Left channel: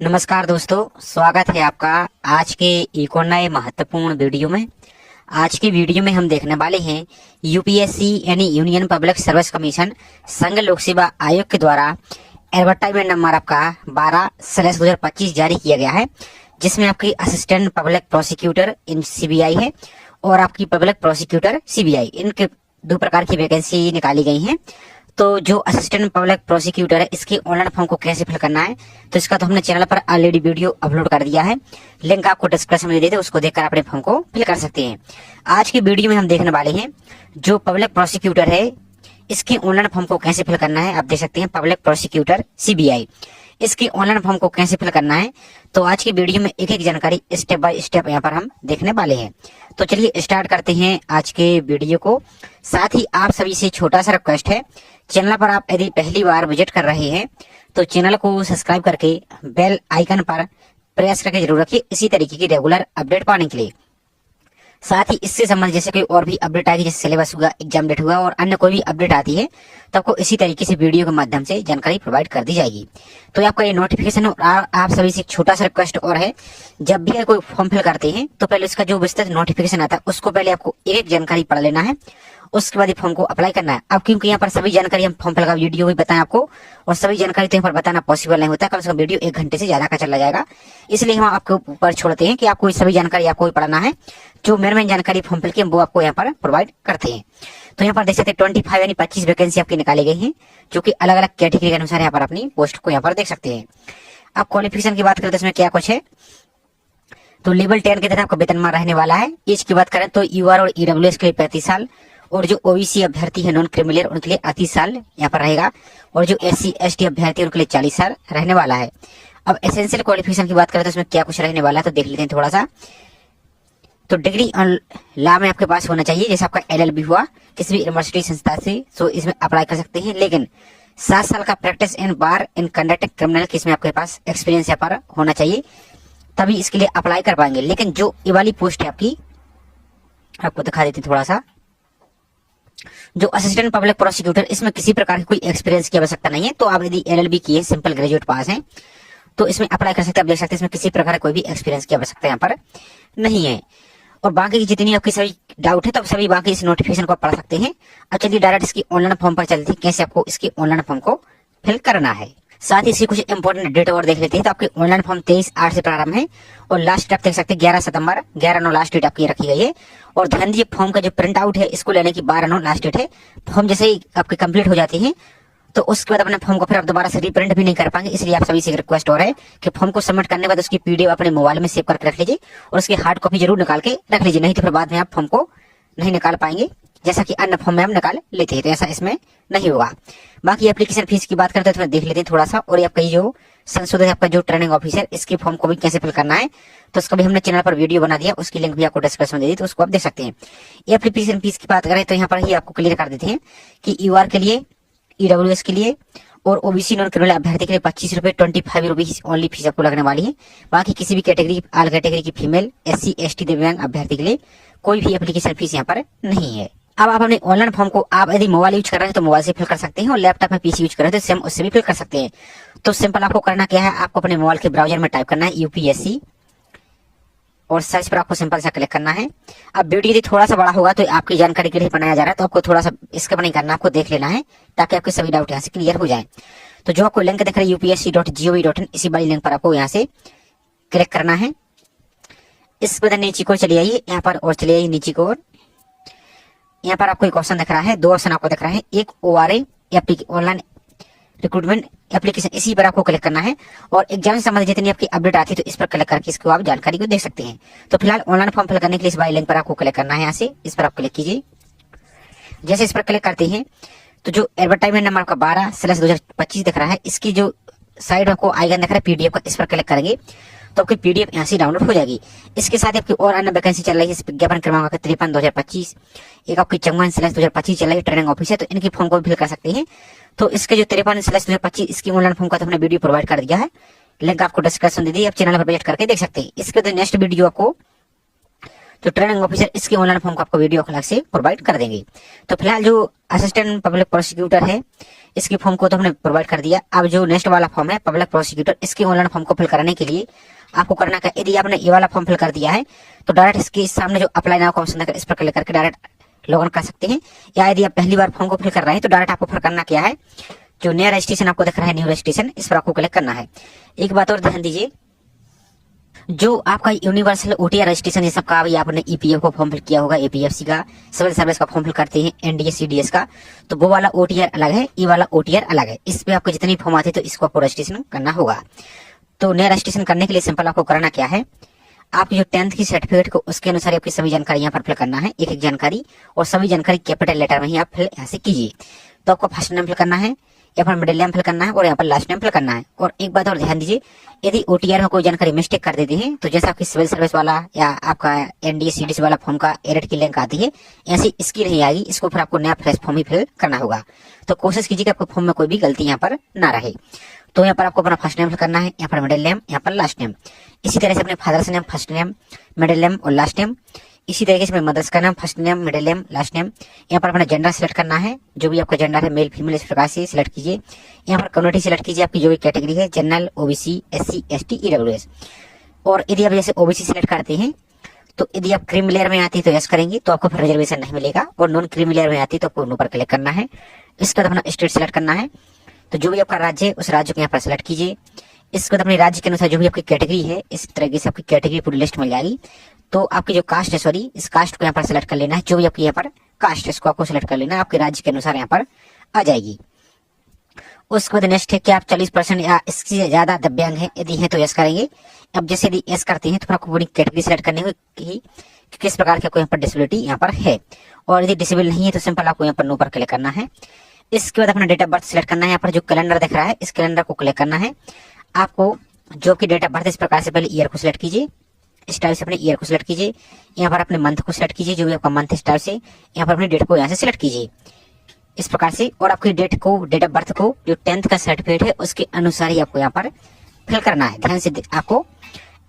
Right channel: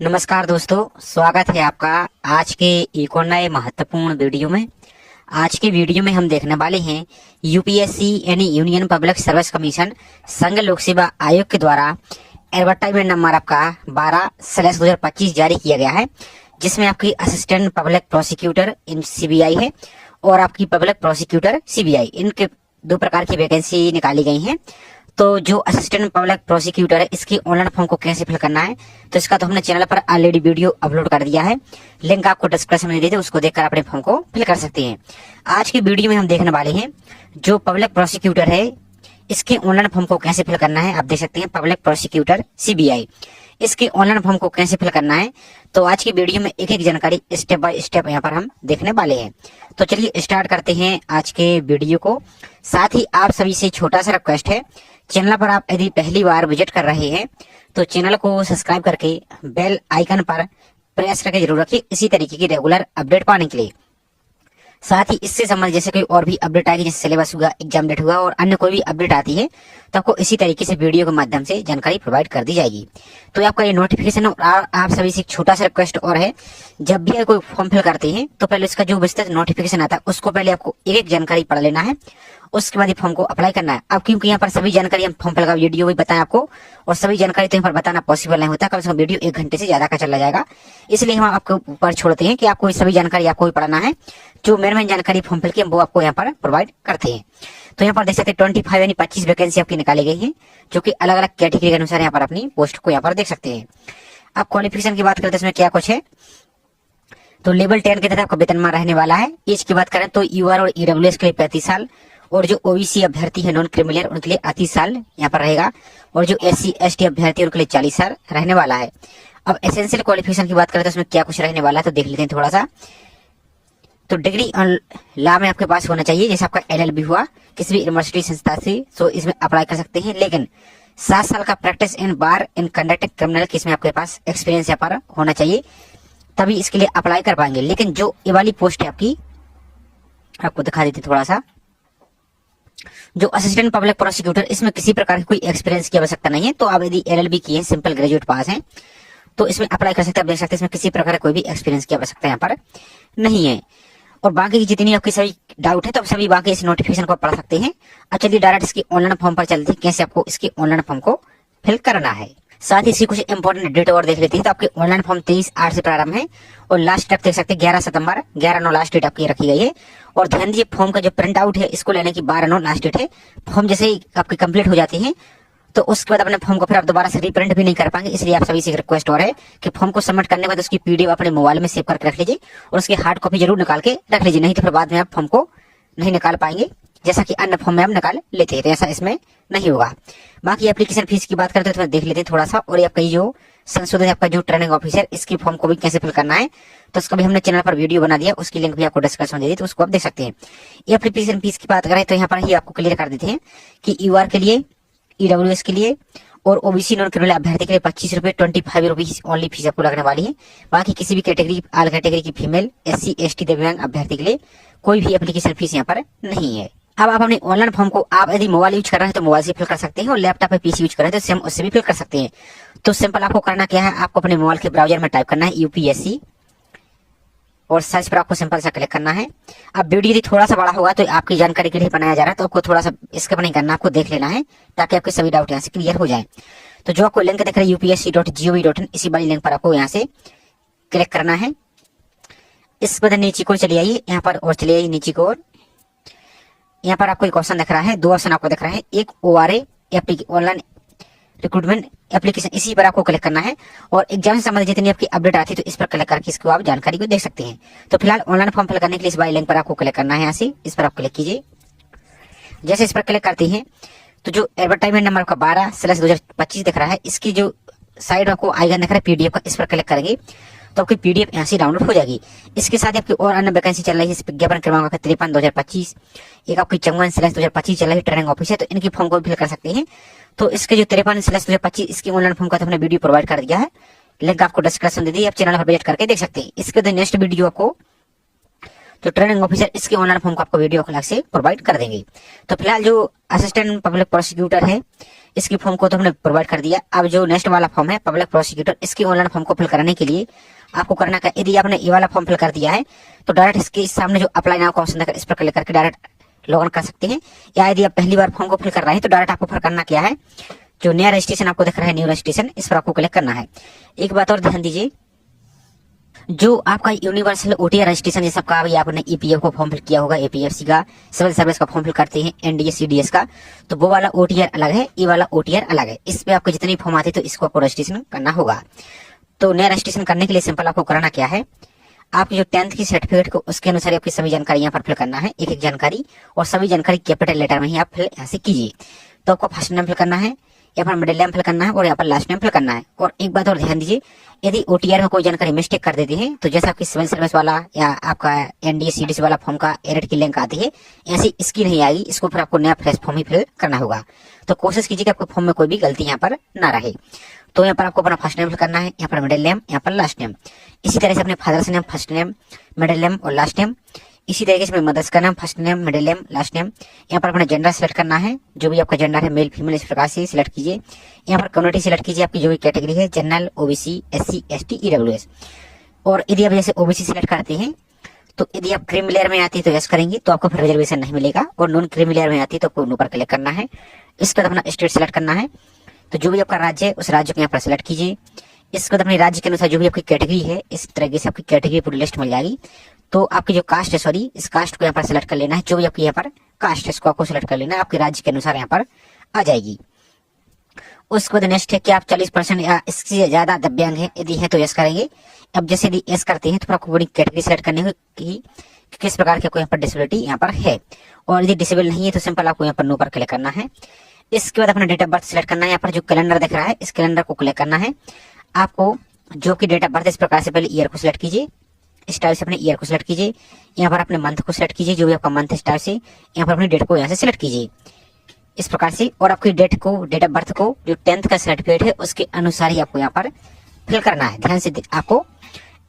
नमस्कार दोस्तों, स्वागत है आपका आज के एक और नए महत्वपूर्ण वीडियो में। आज के वीडियो में हम देखने वाले हैं यूपीएससी यानी यूनियन पब्लिक सर्विस कमीशन संघ लोक सेवा आयोग के द्वारा एडवर्टाइजमेंट नंबर आपका 12/2025 जारी किया गया है, जिसमें आपकी असिस्टेंट पब्लिक प्रोसिक्यूटर इन सीबीआई है और आपकी पब्लिक प्रोसिक्यूटर सीबीआई, इनके दो प्रकार की वैकेंसी निकाली गई हैं। तो जो असिस्टेंट पब्लिक प्रोसिक्यूटर है, इसकी ऑनलाइन फॉर्म को कैसे फिल करना है, तो इसका तो हमने चैनल पर ऑलरेडी वीडियो अपलोड कर दिया है। लिंक आपको डिस्क्रिप्शन में दे दे, उसको देखकर अपने फॉर्म को फिल कर सकते हैं। आज की वीडियो में हम देखने वाले हैं जो पब्लिक प्रोसिक्यूटर है, इसके ऑनलाइन फॉर्म को कैसे फिल करना है। आप देख सकते हैं पब्लिक प्रोसिक्यूटर सीबीआई, इसके ऑनलाइन फॉर्म को कैसे फिल करना है। तो आज की वीडियो में एक एक जानकारी स्टेप बाय स्टेप यहाँ पर हम देखने वाले हैं। तो चलिए स्टार्ट करते हैं आज के वीडियो को। साथ ही आप सभी से छोटा सा रिक्वेस्ट है, चैनल पर आप यदि पहली बार विजिट कर रहे हैं तो चैनल को सब्सक्राइब करके बेल आइकन पर प्रेस करके जरूर रखिए, इसी तरीके की रेगुलर अपडेट पाने के लिए। साथ ही इससे संबंधित जैसे कोई और भी अपडेट आएगी, जैसे सिलेबस हुआ, एग्जाम डेट हुआ और अन्य कोई भी अपडेट आती है तो आपको इसी तरीके से वीडियो के माध्यम से जानकारी प्रोवाइड कर दी जाएगी। तो आपका ये नोटिफिकेशन और आप सभी से एक छोटा सा रिक्वेस्ट और है, जब भी कोई फॉर्म फिल करते हैं तो पहले उसका जो विस्तृत नोटिफिकेशन आता है उसको पहले आपको एक एक जानकारी पढ़ लेना है, उसके बाद फॉर्म को अप्लाई करना है। अब क्योंकि यहाँ पर सभी जानकारी हम फॉर्म फिल का वीडियो भी बताएं आपको, और सभी जानकारी तो यहाँ पर बताना पॉसिबल नहीं होता, कम से कम वीडियो 1 घंटे से ज्यादा का चला जाएगा। इसलिए हम आपके ऊपर छोड़ते हैं कि आपको सभी जानकारी आपको ही पढ़ना है। जो मेन जानकारी फॉर्म फिल की वो आपको यहाँ पर प्रोवाइड करते हैं। तो यहाँ पर देख सकते हैं 25 यानी 25 वैकेंसी आपकी निकाली गई है, जो कि अलग अलग कैटेगरी के अनुसार यहाँ पर अपनी पोस्ट को यहाँ पर देख सकते हैं। अब क्वालिफिकेशन की बात करें तो इसमें क्या कुछ है, तो लेवल 10 के तहत आपका वेतनमान रहने वाला है। एज की बात करें तो यूआर और ईडब्ल्यूएस के लिए 35 साल, और जो ओबीसी अभ्यर्थी है नॉन क्रिमिनल उनके लिए 38 साल यहाँ पर रहेगा, और जो एससी एसटी अभ्यर्थी उनके लिए 40 साल रहने वाला है। अब एसेंशियल क्वालिफिकेशन की बात करें तो इसमें क्या कुछ रहने वाला है, तो देख लेते हैं थोड़ा सा। तो डिग्री लॉ में आपके पास होना चाहिए, जैसे आपका एलएलबी हुआ किसी भी यूनिवर्सिटी संस्था से, तो इसमें अप्लाई कर सकते हैं। लेकिन 7 साल का practice in bar in conducting criminal case में आपके पास एक्सपीरियंस यहाँ पर होना चाहिए, तभी इसके लिए अप्लाई कर पाएंगे। लेकिन जो ये वाली पोस्ट है आपकी, आपको दिखा देते थोड़ा सा, जो असिस्टेंट पब्लिक प्रोसिक्यूटर, इसमें किसी प्रकार की कोई एक्सपीरियंस की आवश्यकता नहीं है। तो आप यदि एलएलबी की है, सिंपल ग्रेजुएट पास हैं, तो इसमें अप्लाई कर सकते हैं। आप देख सकते हैं इसमें किसी प्रकार कोई भी एक्सपीरियंस की आवश्यकता यहाँ पर नहीं है। और बाकी की जितनी आपकी सभी डाउट है तो सभी बाकी इस नोटिफिकेशन को पढ़ सकते हैं। अब चलिए डायरेक्ट इसकी ऑनलाइन फॉर्म पर चलते हैं, कैसे आपको इसकी ऑनलाइन फॉर्म को फिल करना है। साथ ही इसकी कुछ इंपॉर्टेंट डेट और देख लेते हैं। तो आपकी ऑनलाइन फॉर्म 23/8 से प्रारंभ है और लास्ट डेट देख सकते हैं 11 सितंबर, 11/9 लास्ट डेट आपकी रखी गई है। और ध्यान दीजिए फॉर्म का जो प्रिंट आउट है इसको लेने की 12/9 लास्ट डेट है। फॉर्म जैसे ही आपकी कंप्लीट हो जाती है तो उसके बाद अपने फॉर्म को फिर आप दोबारा से रिप्रिंट भी नहीं कर पाएंगे। इसलिए आप सभी से रिक्वेस्ट और है कि फॉर्म को सबमिट करने के बाद उसकी पीडीएफ अपने मोबाइल में सेव करके रख लीजिए और उसकी हार्ड कॉपी जरूर निकाल के रख लीजिए, नहीं तो फिर बाद में आप फॉर्म को नहीं निकाल पाएंगे, जैसा कि अन्य फॉर्म में हम निकाल लेते हैं। तो ऐसा इसमें नहीं होगा। बाकी एप्लीकेशन फीस की बात करते हैं तो देख लेते हैं थोड़ा सा। और आपका जो संशोधित आपका जो ट्रेनिंग ऑफिसर, इसकी फॉर्म को भी कैसे फिल करना है, तो उसका भी हमने चैनल पर वीडियो बना दिया, उसकी लिंक भी आपको डिस्क्रिप्शन में दे दी, तो उसको आप देख सकते हैं। एप्लीकेशन फीस की बात करें तो यहाँ पर ही आपको क्लियर कर देते हैं कि यूआर के लिए, ईडब्ल्यूएस के लिए और ओबीसी नॉन क्रिमिनल अभ्यर्थी के लिए 25 रुपए 25 रुपीज ओनली फीस आपको लगने वाली है। बाकी किसी भी कैटेगरी, ऑल कैटेगरी की फीमेल, एससी एसटी दिव्यांग अभ्यर्थी के लिए कोई भी एप्लीकेशन फीस यहाँ पर नहीं है। अब आप अपने ऑनलाइन फॉर्म को आप यदि मोबाइल यूज कर रहे हैं तो मोबाइल से फिल कर सकते हैं, और लैपटॉप पे पीसी यूज कर रहे हैं तो सेम उससे भी फिल कर सकते हैं। तो सिंपल आपको करना क्या है, आपको अपने मोबाइल के ब्राउजर में टाइप करना है यूपीएससी और सर्च पर आपको सिंपल सा क्लिक करना है। अब वीडियो यदि थोड़ा सा बड़ा होगा तो आपकी जानकारी के लिए बनाया जा रहा है, तो आपको थोड़ा सा स्किप नहीं करना, आपको देख लेना है ताकि आपके सभी डाउट यहाँ से क्लियर हो जाए। तो जो आपको लिंक दिख रहा है upsc.gov.in, इसी वाली लिंक पर आपको यहाँ से क्लिक करना है। इस बाद नीचे को चले आइए यहाँ पर और चले आइए नीचे को, और यहाँ पर आपको एक ऑप्शन दिख रहा है, 2 ऑप्शन आपको दिख रहा है, एक ORA ऑनलाइन रिक्रूटमेंट एप्लीकेशन, इसी पर आपको क्लिक करना है। और एग्जाम से संबंधित जितनी आपकी अपडेट आती है तो इस पर क्लिक करके इसको आप जानकारी को देख सकते हैं। तो फिलहाल ऑनलाइन फॉर्म फिल करने के लिए इस वाली लिंक पर आपको क्लिक करना है, यहाँ से इस पर आप क्लिक कीजिए। जैसे इस पर क्लिक करते हैं तो जो एडवर्टाइजमेंट नंबर आपका 12/2025 दिख रहा है, इसकी जो साइड आपको आइकन दिख रहा है पीडीएफ का, इस पर क्लिक करेंगे तो आपकी पीडीएफ यहाँ से डाउनलोड हो जाएगी। इसके साथ आपकी और अन्य वैकेंसी चल रही है, विज्ञापन क्रमांक 53/2025, एक आपकी 54/2025 चल रही है ट्रेनिंग ऑफिसर, तो इनकी फॉर्म को भी फिल कर सकते हैं। तो इसके जो 53/2025 इसकी ऑनलाइन फॉर्म का तो हमने वीडियो प्रोवाइड कर दिया है, लिंक आपको डिस्क्रिप्शन दे दी, आप चैनल पर विजिट करके देख सकते हैं। इसके बाद नेक्स्ट वीडियो आपको तो ट्रेनिंग ऑफिसर, इसके ऑनलाइन फॉर्म को आपको वीडियो अलग से प्रोवाइड कर देंगे। तो फिलहाल जो असिस्टेंट पब्लिक प्रोसिक्यूटर है, इसकी फॉर्म को तो हमने प्रोवाइड कर दिया। अब जो नेक्स्ट वाला फॉर्म है पब्लिक प्रोसिक्यूटर, इसके ऑनलाइन फॉर्म को फिल कराने के लिए आपको करना क्या, यदि आपने ये वाला फॉर्म फिल कर दिया है तो डायरेक्ट इसके सामने जो अप्लाई नाउ का ऑप्शन है इस पर क्लिक करके डायरेक्ट लॉग इन कर सकते हैं। या यदि आप पहली बार फॉर्म को फिल कर रहे हैं तो डायरेक्ट आपको फिर करना क्या है, जो नया रजिस्ट्रेशन आपको दिख रहा है न्यू रजिस्ट्रेशन, इस पर आपको क्लिक करना है। एक बात और ध्यान दीजिए, जो आपका यूनिवर्सल ओटीआर रजिस्ट्रेशन ये सब का अभी आपने ईपीएफ का फॉर्म फिल किया होगा, एपीएफसी का, सिविल सर्विस का फॉर्म फिल करते हैं, एनडीएस सीडीएस का, तो वो वाला ओटीआर अलग है, ये वाला ओटीआर अलग है। इसमें आपको जितनी फॉर्म आती है तो इसको आपको रजिस्ट्रेशन करना होगा। तो नया रजिस्ट्रेशन करने के लिए सिंपल आपको करना क्या है, आपकी जो 10th की सर्टिफिकेट को उसके अनुसार आपकी सभी जानकारी यहाँ पर फिल करना है, एक एक जानकारी, और सभी जानकारी कैपिटल लेटर में ही आप फिल यहाँ से कीजिए। तो आपको फर्स्ट नेम फिल करना है, यहाँ पर मिडिल नेम फिल करना है और यहाँ पर लास्ट नेम फिल करना है। और एक बात और ध्यान दीजिए, यदि ओटीआर में कोई जानकारी मिस्टेक कर देते हैं तो जैसा आपकी सिविल सर्विस वाला या आपका एनडीएस सीडीएस वाला फॉर्म का एडिट की लिंक आती है, ऐसी इसकी नहीं आएगी, इसको फिर आपको नया फ्रेश फॉर्म ही फिल करना होगा। तो कोशिश कीजिए कि आपको फॉर्म में कोई भी गलती यहाँ पर ना रहे। तो यहाँ पर आपको अपना फर्स्ट नेम फिल करना है, यहाँ पर मिडिल नेम, यहाँ पर लास्ट नेम। इसी तरह से अपने father's name, first name, middle name और लास्ट नेम। इसी तरीके से मदर्स का नाम, first name, middle name, last name. यहाँ पर अपना जेंडर सिलेक्ट करना है, जो भी आपका जेंडर है मेल फीमेल इस प्रकार से सिलेक्ट कीजिए। यहाँ पर कम्युनिटी सिलेक्ट कीजिए, आपकी जो भी कैटेगरी है, general, OBC, SC, ST, EWS. और यदि आप जैसे ओबीसी सिलेक्ट करते हैं तो यदि आप क्रीमी लेयर में आती है तो यस करेंगे तो आपको फिर रिजर्वेशन नहीं मिलेगा, और नॉन क्रीमी लेयर में आती है तो आपको नो पर क्लिक करना है। इसके बाद अपना स्टेट सिलेक्ट करना है, तो जो भी आपका राज्य है उस राज्य को यहाँ पर सिलेक्ट कीजिए। इसके बाद अपने राज्य के अनुसार जो भी आपकी कैटेगरी है इस तरीके से आपकी कैटेगरी पूरी लिस्ट मिल जाएगी। तो आपकी जो कास्ट है, सॉरी, इस कास्ट को यहाँ पर सिलेक्ट कर लेना है, जो भी आपकी यहाँ पर कास्ट है इसको आपको सिलेक्ट कर लेना है, आपके राज्य के अनुसार यहाँ पर आ जाएगी। उसके बाद नेक्स्ट है कि आप 40% या इससे ज्यादा दिव्यांग है, यदि है तो यस करेंगे। अब जैसे यदि यस करते हैं तो फिर आपको पूरी कैटेगरी सिलेक्ट करनी होगी कि किस प्रकार की आपको यहाँ पर डिसेबिलिटी यहाँ पर है, और यदि डिसेबल नहीं है तो सिंपल आपको यहाँ पर नो पर क्लिक करना है। इसके बाद अपना डेट ऑफ बर्थ सिलेक्ट करना है, यहाँ पर जो कैलेंडर दिख रहा है इस कैलेंडर को क्लिक करना है। आपको जो कि डेट ऑफ बर्थ इस प्रकार से पहले ईयर को सिलेक्ट कीजिए, इस टाइप से अपने ईयर को सिलेक्ट कीजिए। यहाँ पर अपने मंथ को सिलेक्ट कीजिए, जो भी आपका मंथ इस टाइप से, यहाँ पर अपनी डेट को यहाँ से सिलेक्ट कीजिए इस प्रकार से। और आपकी डेट को, डेट ऑफ बर्थ को जो 10th का सर्टिफिकेट है उसके अनुसार ही आपको यहाँ पर फिल करना है, ध्यान से आपको।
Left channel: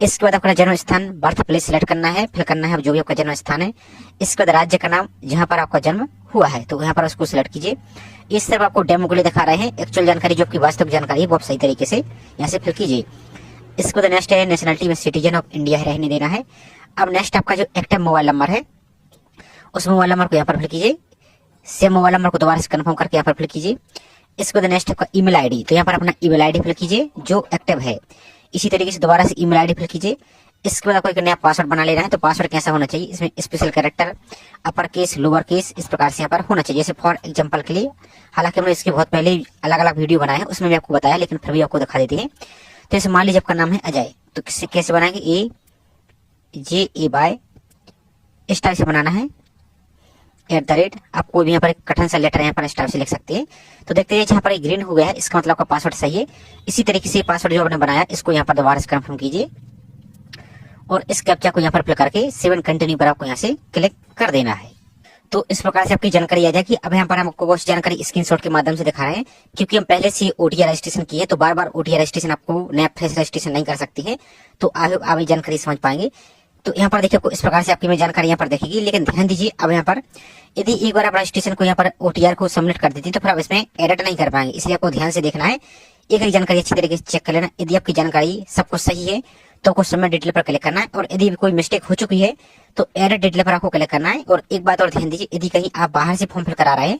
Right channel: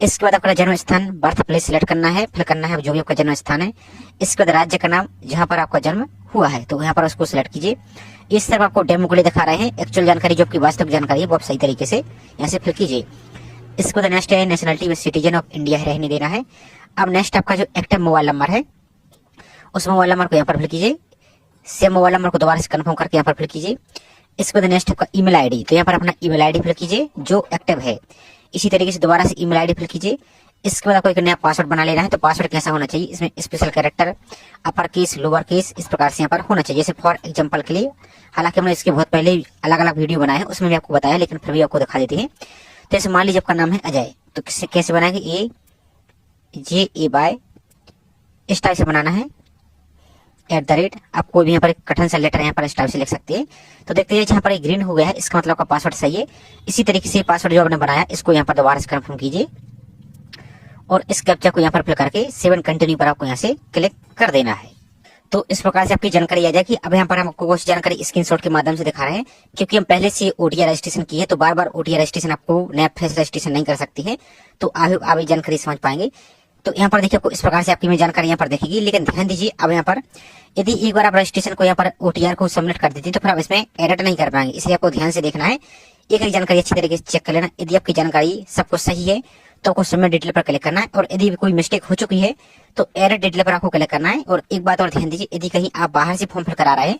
इसके बाद आपका जन्म स्थान, बर्थ प्लेस सिलेक्ट करना है, फिल करना है जो भी आपका जन्म स्थान है। इसके बाद राज्य का नाम जहाँ पर आपका जन्म हुआ है तो यहाँ पर उसको सिलेक्ट कीजिए। इस तरफ आपको डेमो के लिए दिखा रहे हैं, एक्चुअल जानकारी जो आपकी वास्तविक जानकारी है वो आप सही तरीके से यहाँ से फिल कीजिए। इसके बाद नेक्स्ट है नेशनलिटी में सिटीजन ऑफ इंडिया रहने देना है। अब नेक्स्ट आपका जो एक्टिव मोबाइल नंबर है उस मोबाइल नंबर को यहाँ पर फिल कीजिए। सेम मोबाइल नंबर को दोबारा से कंफर्म करके यहाँ पर फिल कीजिए। इसके बाद नेक्स्ट आपका ईमेल आईडी, तो यहाँ पर अपना ईमेल आईडी फिल कीजिए जो एक्टिव है। इसी तरीके से दोबारा से ईमेल आईडी फिल कीजिए। इसके बाद आपको एक नया पासवर्ड बना लेना है, तो पासवर्ड कैसा होना चाहिए, इसमें special character, upper case, lower case, इस प्रकार से यहाँ पर होना चाहिए। जैसे फॉर एग्जांपल के लिए, हालांकि हमने इसके बहुत पहले अलग अलग वीडियो बनाए हैं उसमें भी आपको बताया, लेकिन फिर भी आपको दिखा देते हैं। तो जैसे मान लीजिए आपका नाम है अजय, तो कैसे बनाएंगे, AJAY इस टाइप से बनाना है, @ आप कोई भी यहाँ पर एक कठिन सा लेटर यहाँ पर इस टाइप से लिख सकते हैं। तो देखते हैं जहाँ पर ग्रीन हो गया है इसका मतलब आपका पासवर्ड सही है। इसी तरीके से पासवर्ड जो आपने बनाया इसको यहाँ पर दोबारा से कंफर्म कीजिए और इस कैप्चा को यहाँ पर फिल करके 7 कंटिन्यू पर आपको यहाँ से क्लिक कर देना है। तो इस प्रकार से आपकी जानकारी आ जाएगी। अब यहाँ पर हम आपको कुछ जानकारी स्क्रीनशॉट के माध्यम से दिखा रहे हैं, क्योंकि हम पहले से ओटीआर रजिस्ट्रेशन किए तो बार बार ओटीआर रजिस्ट्रेशन आपको नया फेस रजिस्ट्रेशन नहीं कर सकती है, तो आगे जानकारी समझ पाएंगे। तो यहाँ पर देखिए आपको इस प्रकार से आपकी में जानकारी यहाँ पर देखेगी, लेकिन ध्यान दीजिए अब यहाँ पर यदि एक बार आप रजिस्ट्रेशन को यहाँ पर ओटीआर को सबमिट कर देती है तो फिर आप इसमें एडिट नहीं कर पाएंगे, इसलिए आपको ध्यान से देखना है, एक एक जानकारी अच्छी तरीके से चेक कर लेना। यदि आपकी जानकारी सब कुछ सही है तो आपको सबमिट डिटेल पर क्लिक करना है, और यदि कोई मिस्टेक हो चुकी है तो एडिट डिटेल पर आपको क्लिक करना है। और एक बात और ध्यान दीजिए, यदि कहीं आप बाहर से फॉर्म फिल करा रहे हैं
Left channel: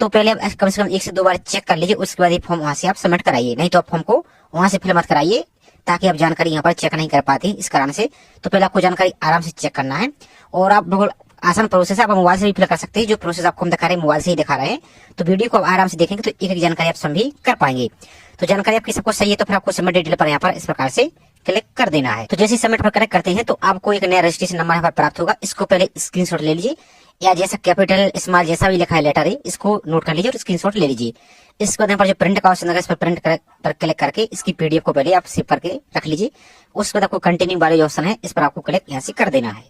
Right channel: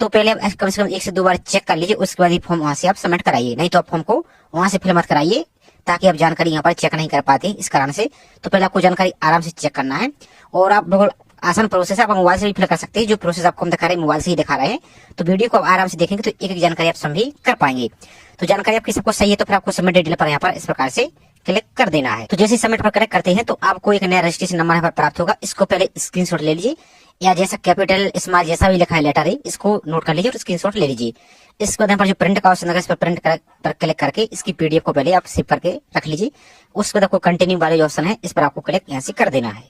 तो पहले आप कम से कम 1 से 2 बार चेक कर लीजिए, उसके बाद फॉर्म वहां से आप सबमिट कराइए, नहीं तो आप फॉर्म को वहां से फिल मत कराइए, ताकि आप जानकारी यहाँ पर चेक नहीं कर पाते इस कारण से। तो पहले आपको जानकारी आराम से चेक करना है, और आप बिल्कुल आसान प्रोसेस है, आप मोबाइल से भी फिल कर सकते हैं। जो प्रोसेस आपको हम दिखा रहे हैं मोबाइल से ही दिखा रहे हैं, तो वीडियो को आप आराम से देखेंगे तो एक एक जानकारी आप सभी कर पाएंगे। तो जानकारी आपकी सबको सही है तो फिर आपको सबमिट डिटेल पर यहाँ पर इस प्रकार से क्लिक कर देना है। तो जैसे सबमिट पर क्लिक करते हैं तो आपको एक नया रजिस्ट्रेशन नंबर यहाँ पर प्राप्त होगा, इसको पहले स्क्रीनशॉट ले लीजिए, या जैसा कैपिटल स्मॉल जैसा भी लिखा है लेटर है इसको नोट कर लीजिए और स्क्रीनशॉट ले लीजिए। इसके बाद यहाँ पर जो प्रिंट का ऑप्शन है इस पर प्रिंट पर क्लिक करके इसकी पीडीएफ को पहले आप सेव करके रख लीजिए। उसके बाद आपको कंटिन्यू वाले ऑप्शन है इस पर आपको क्लिक यहाँ से कर देना है।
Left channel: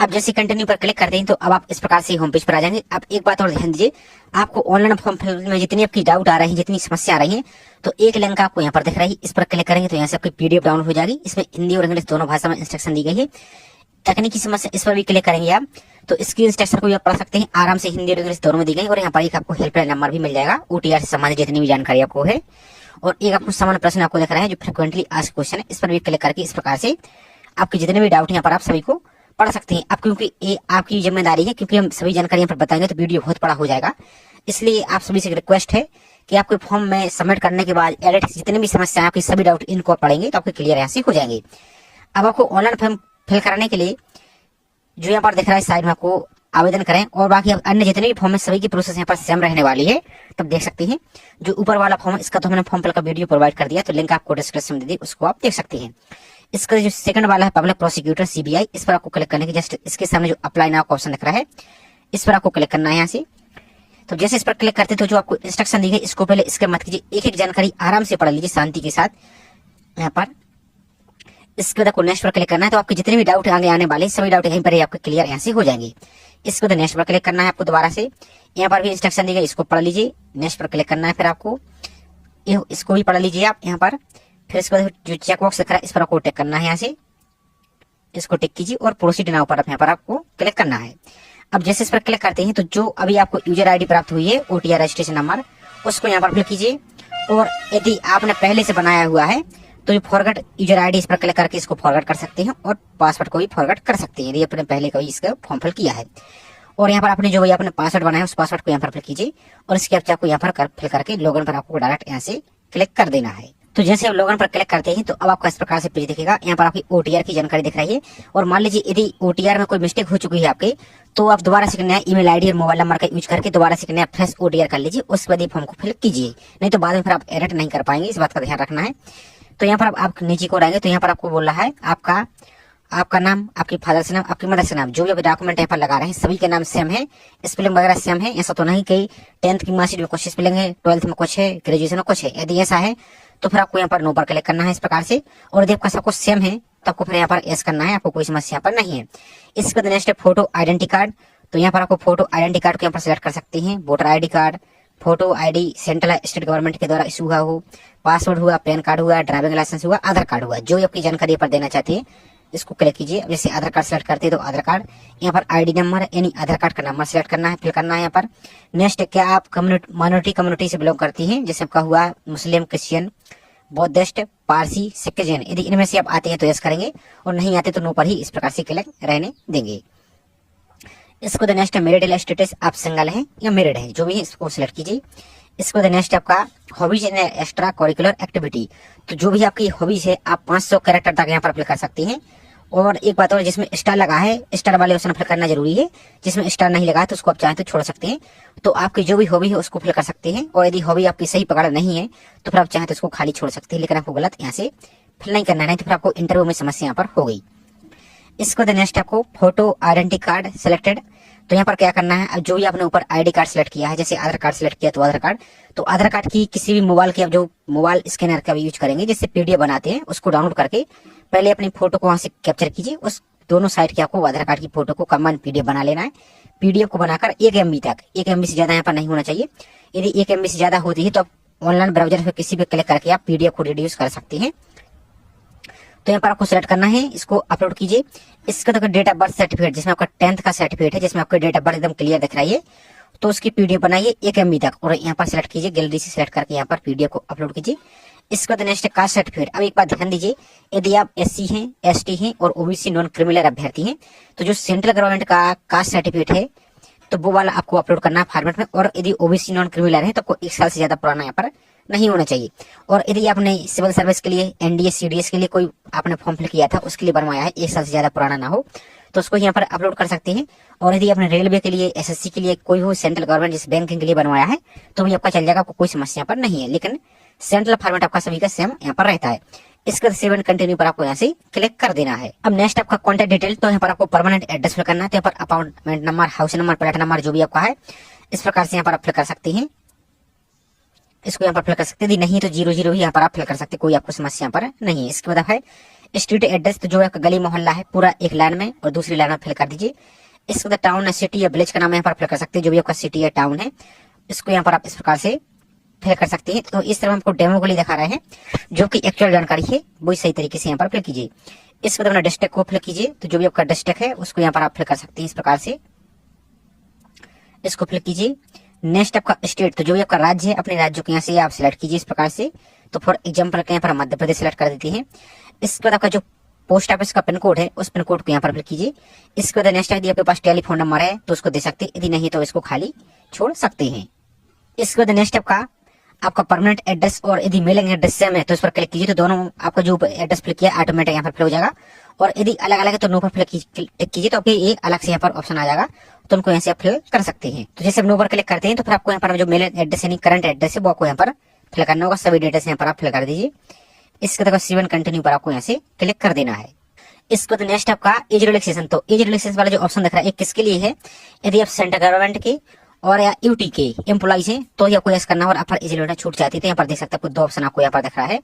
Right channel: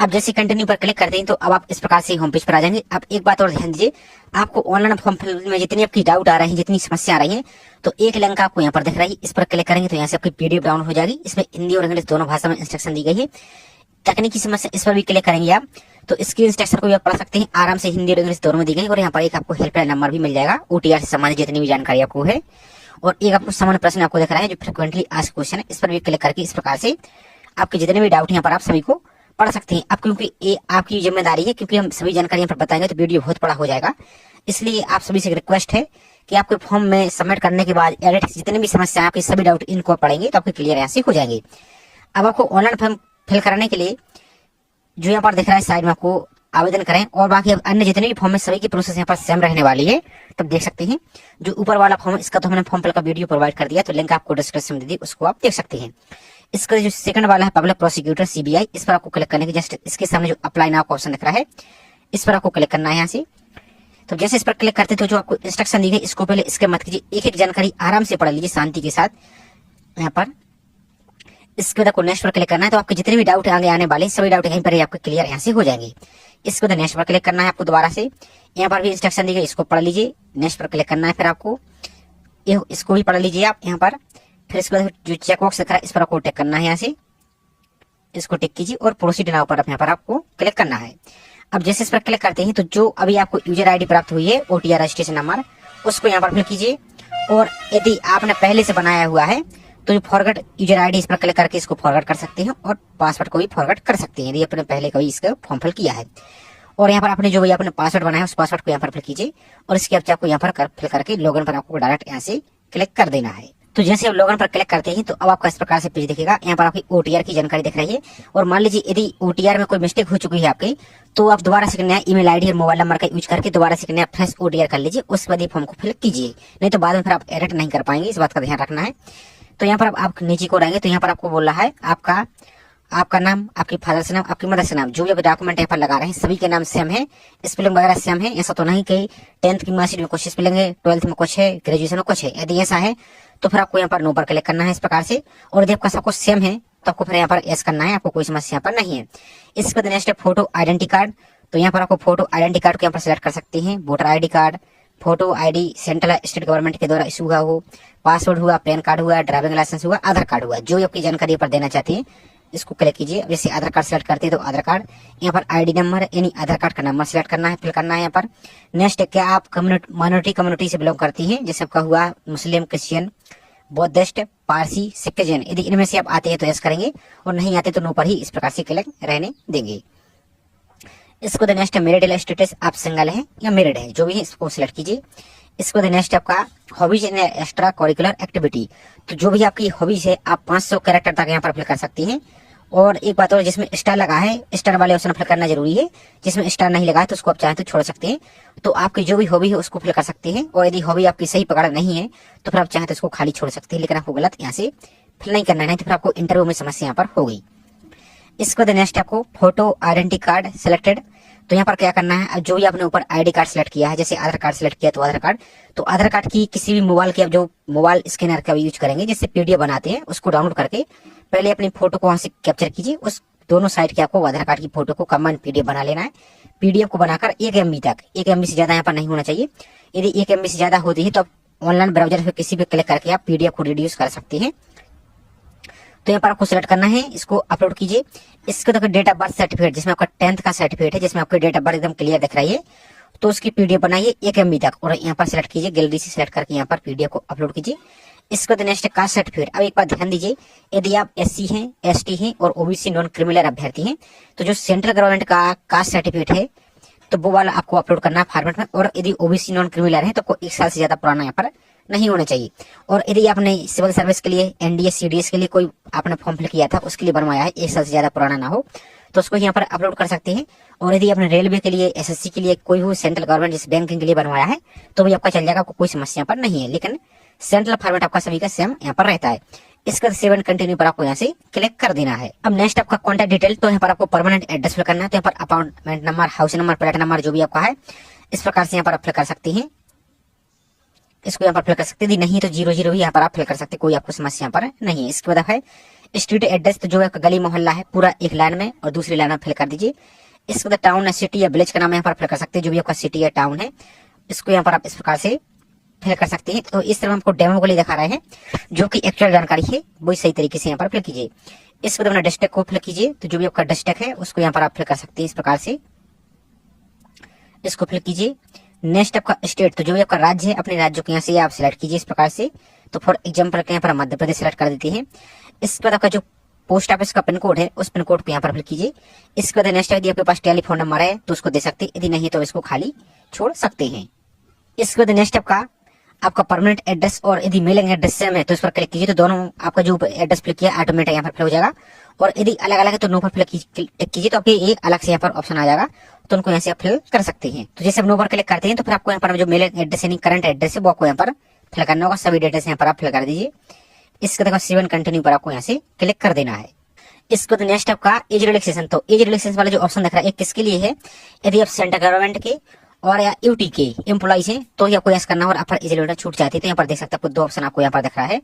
अब जैसे कंटिन्यू पर क्लिक करते हैं तो अब आप इस प्रकार से होम पेज पर आ जाएंगे। अब एक बात और ध्यान दीजिए, आपको ऑनलाइन फॉर्म फिल में जितनी आपकी डाउट आ रही है, जितनी समस्या आ रही है, तो एक लिंक आपको यहाँ पर दिख रही है, इस पर क्लिक करेंगे तो यहाँ से आपकी पीडीएफ डाउनलोड हो जाएगी। इसमें हिंदी और इंग्लिश दोनों भाषा में इंस्ट्रक्शन दी गई है। तकनीकी समस्या इस पर भी क्लिक करेंगे आप तो इसकी इंस्ट्रक्शन को भी आप पढ़ सकते हैं आराम से, हिंदी और इंग्लिश दोनों में दी गई। और यहाँ पर एक आपको हेल्पलाइन नंबर भी मिल जाएगा OTR से संबंधित जितनी भी जानकारी आपको है। और एक आपको सामान्य प्रश्न आपको दिख रहा है जो फ्रिक्वेंटली आस्क्ड क्वेश्चन है, इस पर भी क्लिक करके इस प्रकार से आपके जितने भी डाउट यहाँ पर आप सभी को पढ़ सकते हैं। अब क्योंकि ये आपकी जिम्मेदारी है, क्योंकि हम सभी जानकारी यहाँ पर बताएंगे तो वीडियो बहुत बड़ा हो जाएगा, इसलिए आप सभी से रिक्वेस्ट है कि आपके फॉर्म में सबमिट करने के बाद एडिट जितने भी समस्या आपकी सभी डाउट इनको पढ़ेंगे तो आपके क्लियर यहाँ से हो जाएंगे। अब आपको ऑनलाइन फॉर्म फिल करने के लिए जो यहाँ पर दिख रहा है साइड में आपको आवेदन करें, और बाकी अन्य जितने भी फॉर्म है सभी की प्रोसेस यहाँ पर सेम रहने वाली है। तब देख सकते हैं जो ऊपर वाला फॉर्म है इसका तो हमने फॉर्म फिल का वीडियो प्रोवाइड कर दिया, तो लिंक आपको डिस्क्रिप्शन में दे दी, उसको आप देख सकते हैं। इसका जो सेकंड वाला है पब्लिक प्रोसिक्यूटर CBI, इस पर आपको क्लिक करने के जस्ट इसके सामने जो अप्लाई नाउ का ऑप्शन दिख रहा है इस पर आपको क्लिक करना है यहाँ से। तो जैसे इस पर क्लिक करते तो जो आपको इंस्ट्रक्शन दी गई इसको पहले इसके मत कीजिए, एक एक जानकारी आराम से पढ़ लीजिए शांति के साथ यहाँ पर। इसके बाद आपको नेक्स्ट पर क्लिक करना है, तो आपके जितने भी डाउट आगे आने वाले सभी डाउट यहीं पर ही आपके क्लियर यहाँ से हो जाएंगे। इसके बाद नेक्स्ट पर क्लिक करना है आपको दोबारा से, यहाँ पर भी इंस्ट्रक्शन दी गई इसको पढ़ लीजिए। नेक्स्ट पर क्लिक करना है, फिर आपको इसको भी पढ़ लीजिए आप यहाँ पर। फिर इसके बाद जो चेक बॉक्स दिख रहा है इस पर आपको टिक करना है, यहाँ से इसको टिक कीजिए और प्रोसीड नाउ पर यहाँ पर आपको क्लिक करना है। अब जैसे इस पर क्लिक करते हैं तो जो अभी आपको यूजर ID प्राप्त हुई है OTR रजिस्ट्रेशन नंबर, उसको यहाँ पर फिल कीजिए। और यदि आपने पहले से बनाया हुआ है तो जो फॉरवर्ड यूजर ID इस पर क्लिक करके इसको फॉरवर्ड कर सकते हैं और पासवर्ड को भी फॉरवर्ड कर सकते हैं यदि आपने पहले कभी इसका फॉर्म फिल किया है। और यहाँ पर आपने जो भी आपने पासवर्ड बनाया है उस पासवर्ड को यहाँ पर फिल कीजिए और इसके आप आपको यहाँ पर फिल करके लॉगिन पर आपको डायरेक्ट यहाँ से क्लिक कर देना है। तो जैसे आप लॉगिन पर क्लिक करते हैं तो अब आपका इस प्रकार से पेज दिखेगा, यहाँ पर आपकी OTR की जानकारी दिख रही है। और मान लीजिए यदि OTR में कोई मिस्टेक हो चुकी है आपके, तो आप दोबारा से नया ईमेल ID और मोबाइल नंबर का यूज करके दोबारा से नया फ्रेश OTR कर लीजिए, उसके बाद फॉर्म को फिल कीजिए, नहीं तो बाद में फिर आप एडिट नहीं कर पाएंगे, इस बात का ध्यान रखना है। तो यहाँ पर आप नीचे को आएंगे तो यहाँ पर आपको बोल रहा है आपका नाम, आपकी फादर से नाम, आपकी मदर से नाम, जो भी आप डॉक्यूमेंट यहाँ पर लगा रहे हैं सभी के नाम सेम है, स्पेलिंग वगैरह सेम है। ऐसा तो नहीं कि 10th की मार्कशीट में कुछ स्पेलिंग है, 12th में कुछ है, ग्रेजुएशन में कुछ है। यदि ऐसा है तो फिर आपको यहाँ पर नो पर क्लिक करना है इस प्रकार से। और यदि आपका सब कुछ सेम है तो आपको फिर यहाँ पर यस करना है, आपको कोई समस्या यहाँ पर नहीं है। इसके बाद नेक्स्ट है फोटो आइडेंटिटी कार्ड, तो यहाँ पर आपको फोटो आइडेंटिटी कार्ड को यहाँ पर सिलेक्ट कर सकते हैं। Voter ID card, photo ID central state government के द्वारा इशू हुआ हो, पासवर्ड हुआ, पैन कार्ड हुआ, ड्राइविंग लाइसेंस हुआ, आधार कार्ड हुआ, जो भी आपकी जानकारी पर देना चाहते हैं इसको क्लिक कीजिए। जैसे आधार कार्ड सेलेक्ट करते हैं तो आधार कार्ड, यहाँ पर ID नंबर यानी आधार कार्ड का नंबर सेलेक्ट करना है, फिल करना है यहाँ पर। नेक्स्ट क्या आप माइनॉरिटी कम्युनिटी से बिलोंग करती हैं, जैसे आपका हुआ मुस्लिम, क्रिश्चियन, बौद्धिस्ट, पारसी, सिख, जैन, यदि इनमें से आप आते हैं तो यस करेंगे और नहीं आते तो नो पर ही इस प्रकार से क्लिक रहने देंगे। इसको द नेक्स्ट मैरिटल स्टेटस, आप सिंगल है या मैरिड है, जो भी है इसको सिलेक्ट कीजिए। इसको द नेक्स्ट आपका hobbies and extra curricular activity, तो जो भी आपकी हॉबीज है आप 500 कैरेक्टर तक यहाँ पर फिल कर सकती हैं। और एक बात और, जिसमें स्टार लगा है स्टार वाले ऑप्शन फिल करना जरूरी है, जिसमें स्टार नहीं लगा है तो उसको आप चाहें तो छोड़ सकते हैं। तो आपकी जो भी हॉबी है उसको फिल कर सकते हैं, और यदि हॉबी आपकी सही पकड़ नहीं है तो फिर आप चाहें तो उसको खाली छोड़ सकते हैं, लेकिन आपको गलत यहाँ से फिल नहीं करना है, तो फिर आपको इंटरव्यू में समस्या यहाँ पर हो गई। इसको द नेक्स्ट आपको फोटो आइडेंटिटी कार्ड सिलेक्टेड, तो यहाँ पर क्या करना है, अब जो भी आपने ऊपर ID कार्ड सिलेक्ट किया है, जैसे आधार कार्ड सिलेक्ट किया तो आधार कार्ड, तो आधार कार्ड की किसी भी मोबाइल की आप जो मोबाइल स्कैनर का यूज करेंगे, जैसे PDF बनाते हैं, उसको डाउनलोड करके पहले अपनी फोटो को वहां से कैप्चर कीजिए। उस दोनों साइड के आपको आधार कार्ड की फोटो को कंबाइंड PDF बना लेना है। PDF को बनाकर 1 MB तक, 1 MB से ज्यादा यहाँ पर नहीं होना चाहिए। यदि 1 MB से ज्यादा होती है तो आप ऑनलाइन ब्राउजर में किसी भी क्लिक करके आप PDF को रिड्यूस कर सकते हैं। तो यहाँ पर आपको सिलेक्ट करना है, इसको अपलोड कीजिए। इसके तक डेट ऑफ बर्थ सर्टिफिकेट, जिसमें आपका 10th का सर्टिफिकेट है, जिसमें आपकी डेट ऑफ बर्थ एकदम क्लियर दिख रही है, तो उसकी PDF बनाइए 1 MB तक और यहाँ पर सिलेक्ट कीजिए, गैलरी से सिलेक्ट करके यहाँ पर PDF को अपलोड कीजिए। इसके बाद नेक्स्ट कास्ट सर्टिफिकेट, अब एक बात ध्यान दीजिए, यदि आप SC हैं, ST हैं और OBC नॉन क्रिमिनल अभ्यर्थी हैं तो जो सेंट्रल गवर्नमेंट का कास्ट सर्टिफिकेट है तो वो वाला आपको अपलोड करना है फॉर्मेट में। और यदि OBC नॉन क्रिमिनल है तो आपको 1 साल से ज्यादा पुराना यहाँ पर नहीं होना चाहिए। और यदि आपने सिविल सर्विस के लिए, NDA CDS के लिए कोई आपने फॉर्म फिल किया था, उसके लिए बनवाया है, 1 साल से ज्यादा पुराना ना हो, तो उसको यहाँ पर अपलोड कर सकते हैं। और यदि आपने रेलवे के लिए, SSC के लिए, कोई हो सेंट्रल गवर्नमेंट जिस बैंकिंग के लिए बनवाया है तो भी आपका चल जाएगा, आपको कोई समस्या पर नहीं है, लेकिन सेंट्रल फॉर्मेट आपका सभी का सेम यहाँ पर रहता है। इसके 7 कंटिन्यू पर आपको यहाँ से क्लिक कर देना है। अब नेक्स्ट आपका कॉन्टैक्ट डिटेल, तो यहाँ पर आपको परमानेंट एड्रेस फिल करना है, तो यहाँ पर apartment number, house number, flat number जो भी आपका है इस प्रकार से यहाँ पर आप फिल कर सकते हैं। इसको यहाँ पर फिल कर सकते हैं, यदि नहीं तो 00 भी यहाँ पर आप फिल कर सकते हैं, कोई आपको समस्या यहाँ पर नहीं है। इसके बाद है स्ट्रीट एड्रेस, तो जो आपका गली मोहल्ला है पूरा एक लाइन में और दूसरी लाइन में फिल कर दीजिए। इसके बाद टाउन, सिटी या विलेज का नाम यहाँ पर फिल कर सकते हैं, जो भी आपका सिटी या टाउन है इसको यहाँ पर आप इस प्रकार से फिल कर सकते हैं। तो इस तरह हमको डेमो के लिए दिखा रहे हैं, जो कि एक्चुअल जानकारी है वही सही तरीके से यहाँ पर फिल कीजिए। इसके बाद अपना डिस्ट्रिक्ट को फिल कीजिए, तो जो भी आपका डिस्ट्रिक्ट है उसको यहाँ पर आप फिल कर सकते हैं इस प्रकार से। इसको फिल कीजिए। नेक्स्ट आपका स्टेट, तो जो भी आपका राज्य है अपने राज्य को यहाँ से आप सिलेक्ट कीजिए इस प्रकार से। तो फॉर एग्जाम्पल यहाँ पर मध्य प्रदेश सेलेक्ट कर देते हैं। इसके बाद आपका जो पोस्ट ऑफिस का पिन कोड है उस पिन कोड को यहाँ पर फिल कीजिए। इसके बाद नेक्स्ट यदि आपके पास टेलीफोन नंबर है तो उसको दे सकते हैं, यदि नहीं तो इसको खाली छोड़ सकते हैं। इसके बाद नेक्स्ट आपका परमानेंट एड्रेस और यदि मेलिंग एड्रेस सेम है तो इस पर क्लिक कीजिए। तो दोनों आपका जो एड्रेस फिल किया ऑटोमेटिक यहाँ पर फिल हो जाएगा। और यदि अलग अलग है तो नो पर क्लिक कीजिए तो आपके ये अलग से यहाँ पर ऑप्शन आ जाएगा, तो उनको यहाँ से आप फिल कर सकते हैं। तो जैसे आप नो पर क्लिक करते हैं तो फिर आपको यहाँ पर जो मेलिंग एड्रेस यानी करंट एड्रेस है वो आपको यहाँ पर फिल करना होगा। सभी डिटेल्स यहाँ पर आप फिल कर दीजिए। इसके बाद सेव एंड कंटिन्यू पर आपको यहाँ से क्लिक कर देना है। इसके बाद नेक्स्ट आपका एज रिलैक्सेशन, तो एज रिलैक्सेशन वाला जो ऑप्शन दिख रहा है किसके लिए है, यदि आप सेंट्रल गवर्नमेंट के और या यूटी के एम्प्लॉइज हैं तो ही आपको यस करना है और आप एज लिमिट छूट जाती है। तो यहाँ पर देख सकते हैं आपको दो ऑप्शन आपको यहाँ पर दिख रहा है,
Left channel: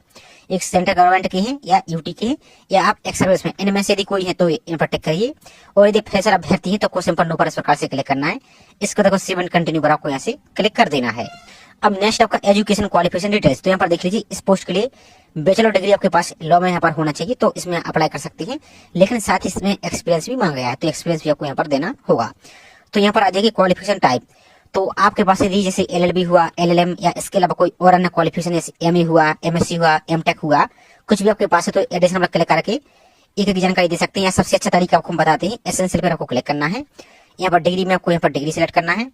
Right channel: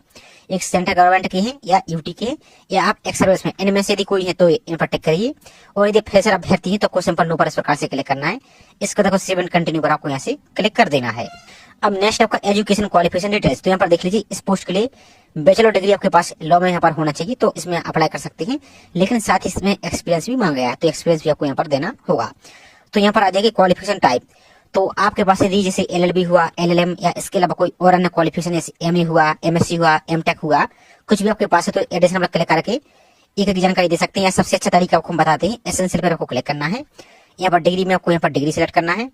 एक सेंट्रल गवर्नमेंट की है या यूटी के या आप एक्स सर्विस में, इनमें से यदि कोई है तो इन पर टिक करिए। और यदि फ्रेशर अभ्यर्थी है तो आपको सिंपल नो पर इस प्रकार से क्लिक करना है। इसको देखो सेव एंड कंटिन्यू पर आपको यहाँ से क्लिक कर देना है। अब नेक्स्ट आपका एजुकेशन क्वालिफिकेशन डिटेल्स, तो यहाँ पर देख लीजिए इस पोस्ट के लिए बैचलर डिग्री आपके पास लॉ में यहाँ पर होना चाहिए तो इसमें अप्लाई कर सकते हैं, लेकिन साथ ही इसमें एक्सपीरियंस भी मांगा गया है तो एक्सपीरियंस भी आपको यहाँ पर देना होगा। तो यहाँ पर आ जाएगी क्वालिफिकेशन टाइप, तो आपके पास यदि जैसे एलएलबी हुआ, एलएलएम या इसके अलावा कोई और अन्य क्वालिफिकेशन जैसे एमए हुआ, एमएससी हुआ, एमटेक हुआ, कुछ भी आपके पास है तो एडिशनल पर क्लिक करके एक एक जानकारी दे सकते हैं। या सबसे अच्छा तरीका आपको हम बताते हैं, एसेंशियल पर आपको क्लिक करना है। यहाँ पर डिग्री में आपको यहाँ पर डिग्री सिलेक्ट करना है।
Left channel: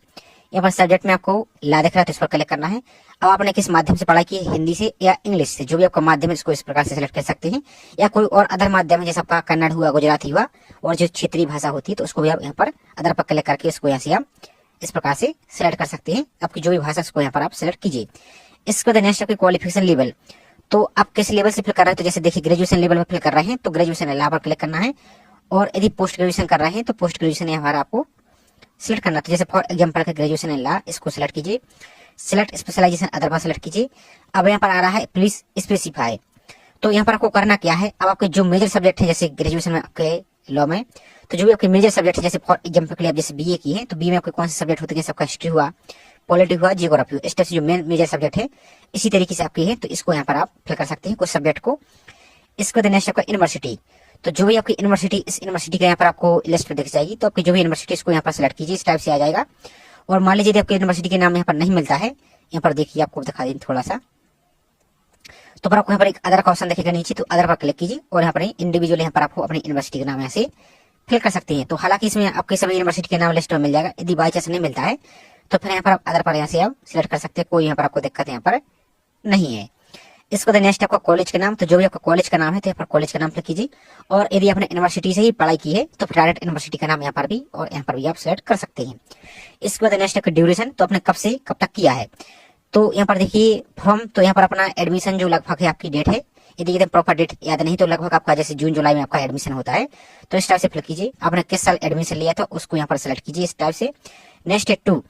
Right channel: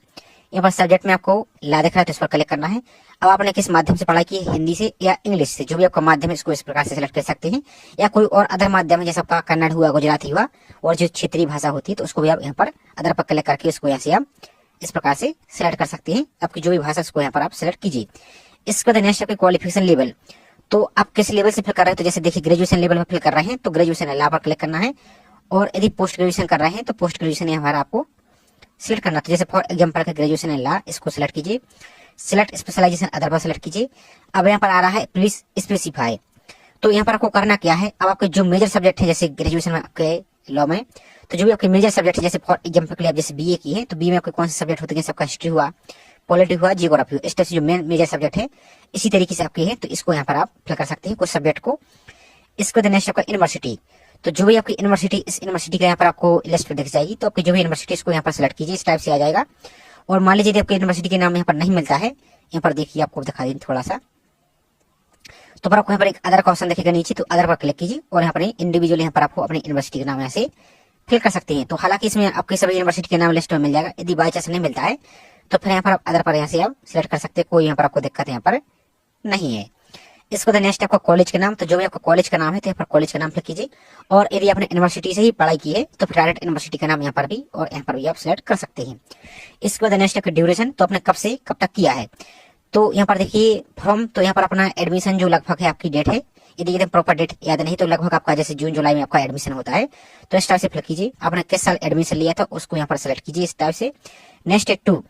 यहाँ पर सब्जेक्ट में आपको ला दिख रहा है तो इस पर क्लिक करना है। अब आपने किस माध्यम से पढ़ाई की है, हिंदी से या इंग्लिश से, जो भी आपका माध्यम है इसको इस प्रकार से सिलेक्ट कर सकते हैं। या कोई और अदर माध्यम है जैसे आपका कन्नड़ हुआ, गुजराती हुआ और जो क्षेत्रीय भाषा होती है तो उसको भी आप यहाँ पर अदर पर क्लिक करके इसको यहाँ से आप इस प्रकार से सिलेक्ट कर सकते हैं। आपकी जो भी भाषा उसको यहाँ पर आप सिलेक्ट कीजिए। इसके बाद नेक्स्ट आपके क्वालिफिकेशन लेवल, तो आप किस लेवल से फिल कर रहे हैं, तो जैसे देखिए ग्रेजुएशन लेवल पर फिल कर रहे हैं तो ग्रेजुएशन ला पर क्लिक करना है। और यदि पोस्ट ग्रेजुएशन कर रहे हैं तो पोस्ट ग्रेजुएशन यहाँ पर आपको सिलेक्ट करना। तो जैसे फॉर एग्जाम्पल का ग्रेजुएशन ला, इसको सिलेक्ट कीजिए। सिलेक्ट स्पेशलाइजेशन अदर पर सिलेक्ट कीजिए। अब यहाँ पर आ रहा है प्लीज स्पेसिफाई, तो यहाँ पर आपको करना क्या है, अब आपके जो मेजर सब्जेक्ट है जैसे ग्रेजुएशन में आपके लॉ में, तो जो भी आपके मेजर सब्जेक्ट है जैसे फॉर एग्जाम्पल के लिए आप जैसे बीए की है तो बीए में आपके कौन से सब्जेक्ट होते हैं, सबका हिस्ट्री हुआ, पॉलिटी हुआ, जियोग्राफी हुआ, इस टाइप से जो मेन मेजर सब्जेक्ट है इसी तरीके से आपके है तो इसको यहाँ पर आप फिल कर सकते हैं कुछ सब्जेक्ट को। इसको नेक्स्ट आपका यूनिवर्सिटी, तो जो भी आपकी यूनिवर्सिटी, इस यूनिवर्सिटी का यहाँ पर आपको लिस्ट पर दिख जाएगी, तो आपकी जो भी यूनिवर्सिटी इसको यहाँ पर सिलेक्ट कीजिए, इस टाइप से आ जाएगा। और मान लीजिए आपके यूनिवर्सिटी के नाम यहाँ पर नहीं मिलता है, यहाँ पर देखिए आपको दिखा दें थोड़ा सा, तो पर आपको यहाँ पर एक अदर का ऑप्शन दिखेगा नीचे, तो अदर पर क्लिक कीजिए और यहाँ पर इंडिविजुअल यहाँ पर आपको अपनी यूनिवर्सिटी का नाम यहाँ से फिल कर सकते हैं। तो हालांकि इसमें आपके सभी यूनिवर्सिटी के नाम लिस्ट में मिल जाएगा, यदि बाई चांस नहीं मिलता है तो फिर यहाँ पर आप अदर पर यहाँ से आप सिलेक्ट कर सकते हैं, कोई यहाँ पर आपको दिक्कत यहाँ पर नहीं है। इसको नेक्स्ट आपका कॉलेज का नाम, तो जो भी आपका कॉलेज का नाम है तो यहाँ पर कॉलेज का नाम फिल कीजिए। और यदि आपने यूनिवर्सिटी से ही पढ़ाई की है तो फिर डायरेक्ट यूनिवर्सिटी का नाम यहाँ पर भी और यहाँ पर भी आप सिलेक्ट कर सकते हैं। इसके बाद नेक्स्ट आपका ड्यूरेशन, तो आपने कब से कब तक किया है, तो यहाँ पर देखिए फ्रॉम, तो यहाँ पर अपना एडमिशन जो लगभग है आपकी डेट है, यदि एकदम प्रॉपर डेट याद नहीं तो लगभग आपका जैसे जून जुलाई में आपका एडमिशन होता है तो इस टाइप से फिल कीजिए। आपने किस साल एडमिशन लिया था उसको यहाँ पर सिलेक्ट कीजिए इस टाइप से। नेक्स्ट है 2,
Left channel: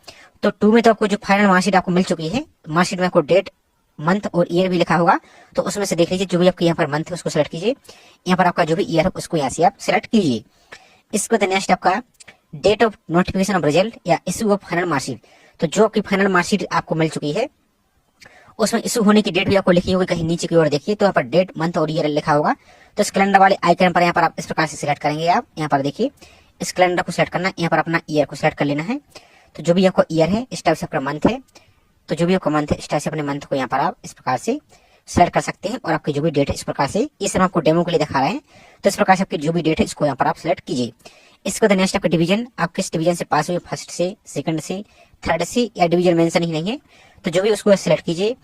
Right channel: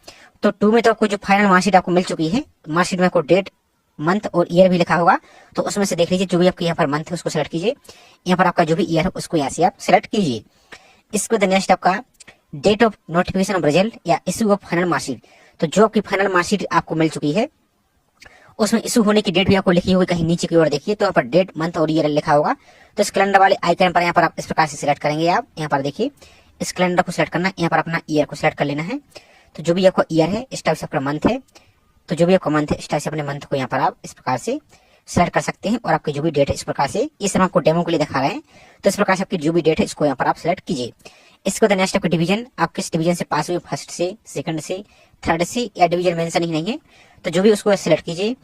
तो 2 में तो आपको जो फाइनल मार्कशीट आपको मिल चुकी है, मार्कशीट में आपको डेट, मंथ और ईयर भी लिखा होगा, तो उसमें से देख लीजिए जो भी आपके यहाँ पर मंथ है उसको सिलेक्ट कीजिए, यहाँ पर आपका जो भी ईयर है उसको यहाँ से आप सिलेक्ट कीजिए। इसके बाद नेक्स्ट आपका date of notification of result या इशू ऑफ फाइनल मार्कशीट, तो जो आपकी फाइनल मार्कशीट आपको मिल चुकी है उसमें इशू होने की डेट भी आपको लिखी होगी कहीं नीचे की ओर देखिए, तो यहाँ पर डेट, मंथ और ईयर लिखा होगा। तो इस कैलेंडर वाले आइकन पर यहाँ पर आप इस प्रकार से सिलेक्ट करेंगे। आप यहाँ पर देखिए इस कैलेंडर को सिलेक्ट करना है, यहाँ पर अपना ईयर को सिलेक्ट कर लेना है। तो जो भी आपका ईयर है इस टाइप से अपना मंथ है, तो जो भी आपका मंथ है इस टाइप से अपने मंथ को यहाँ पर आप इस प्रकार से सिलेक्ट कर सकते हैं। और आपकी जो भी डेट है इस प्रकार से, इस समय आपको डेमो के लिए दिखा रहे हैं, तो इस प्रकार से आपकी जो भी डेट है इसको यहाँ पर आप सिलेक्ट कीजिए। इसके बाद नेक्स्ट आपका डिवीजन, आप किस डिवीजन से पास हुए, फर्स्ट से, सेकंड से, थर्ड से, या डिवीजन मेंशन ही नहीं है तो जो भी उसको सिलेक्ट कीजिए।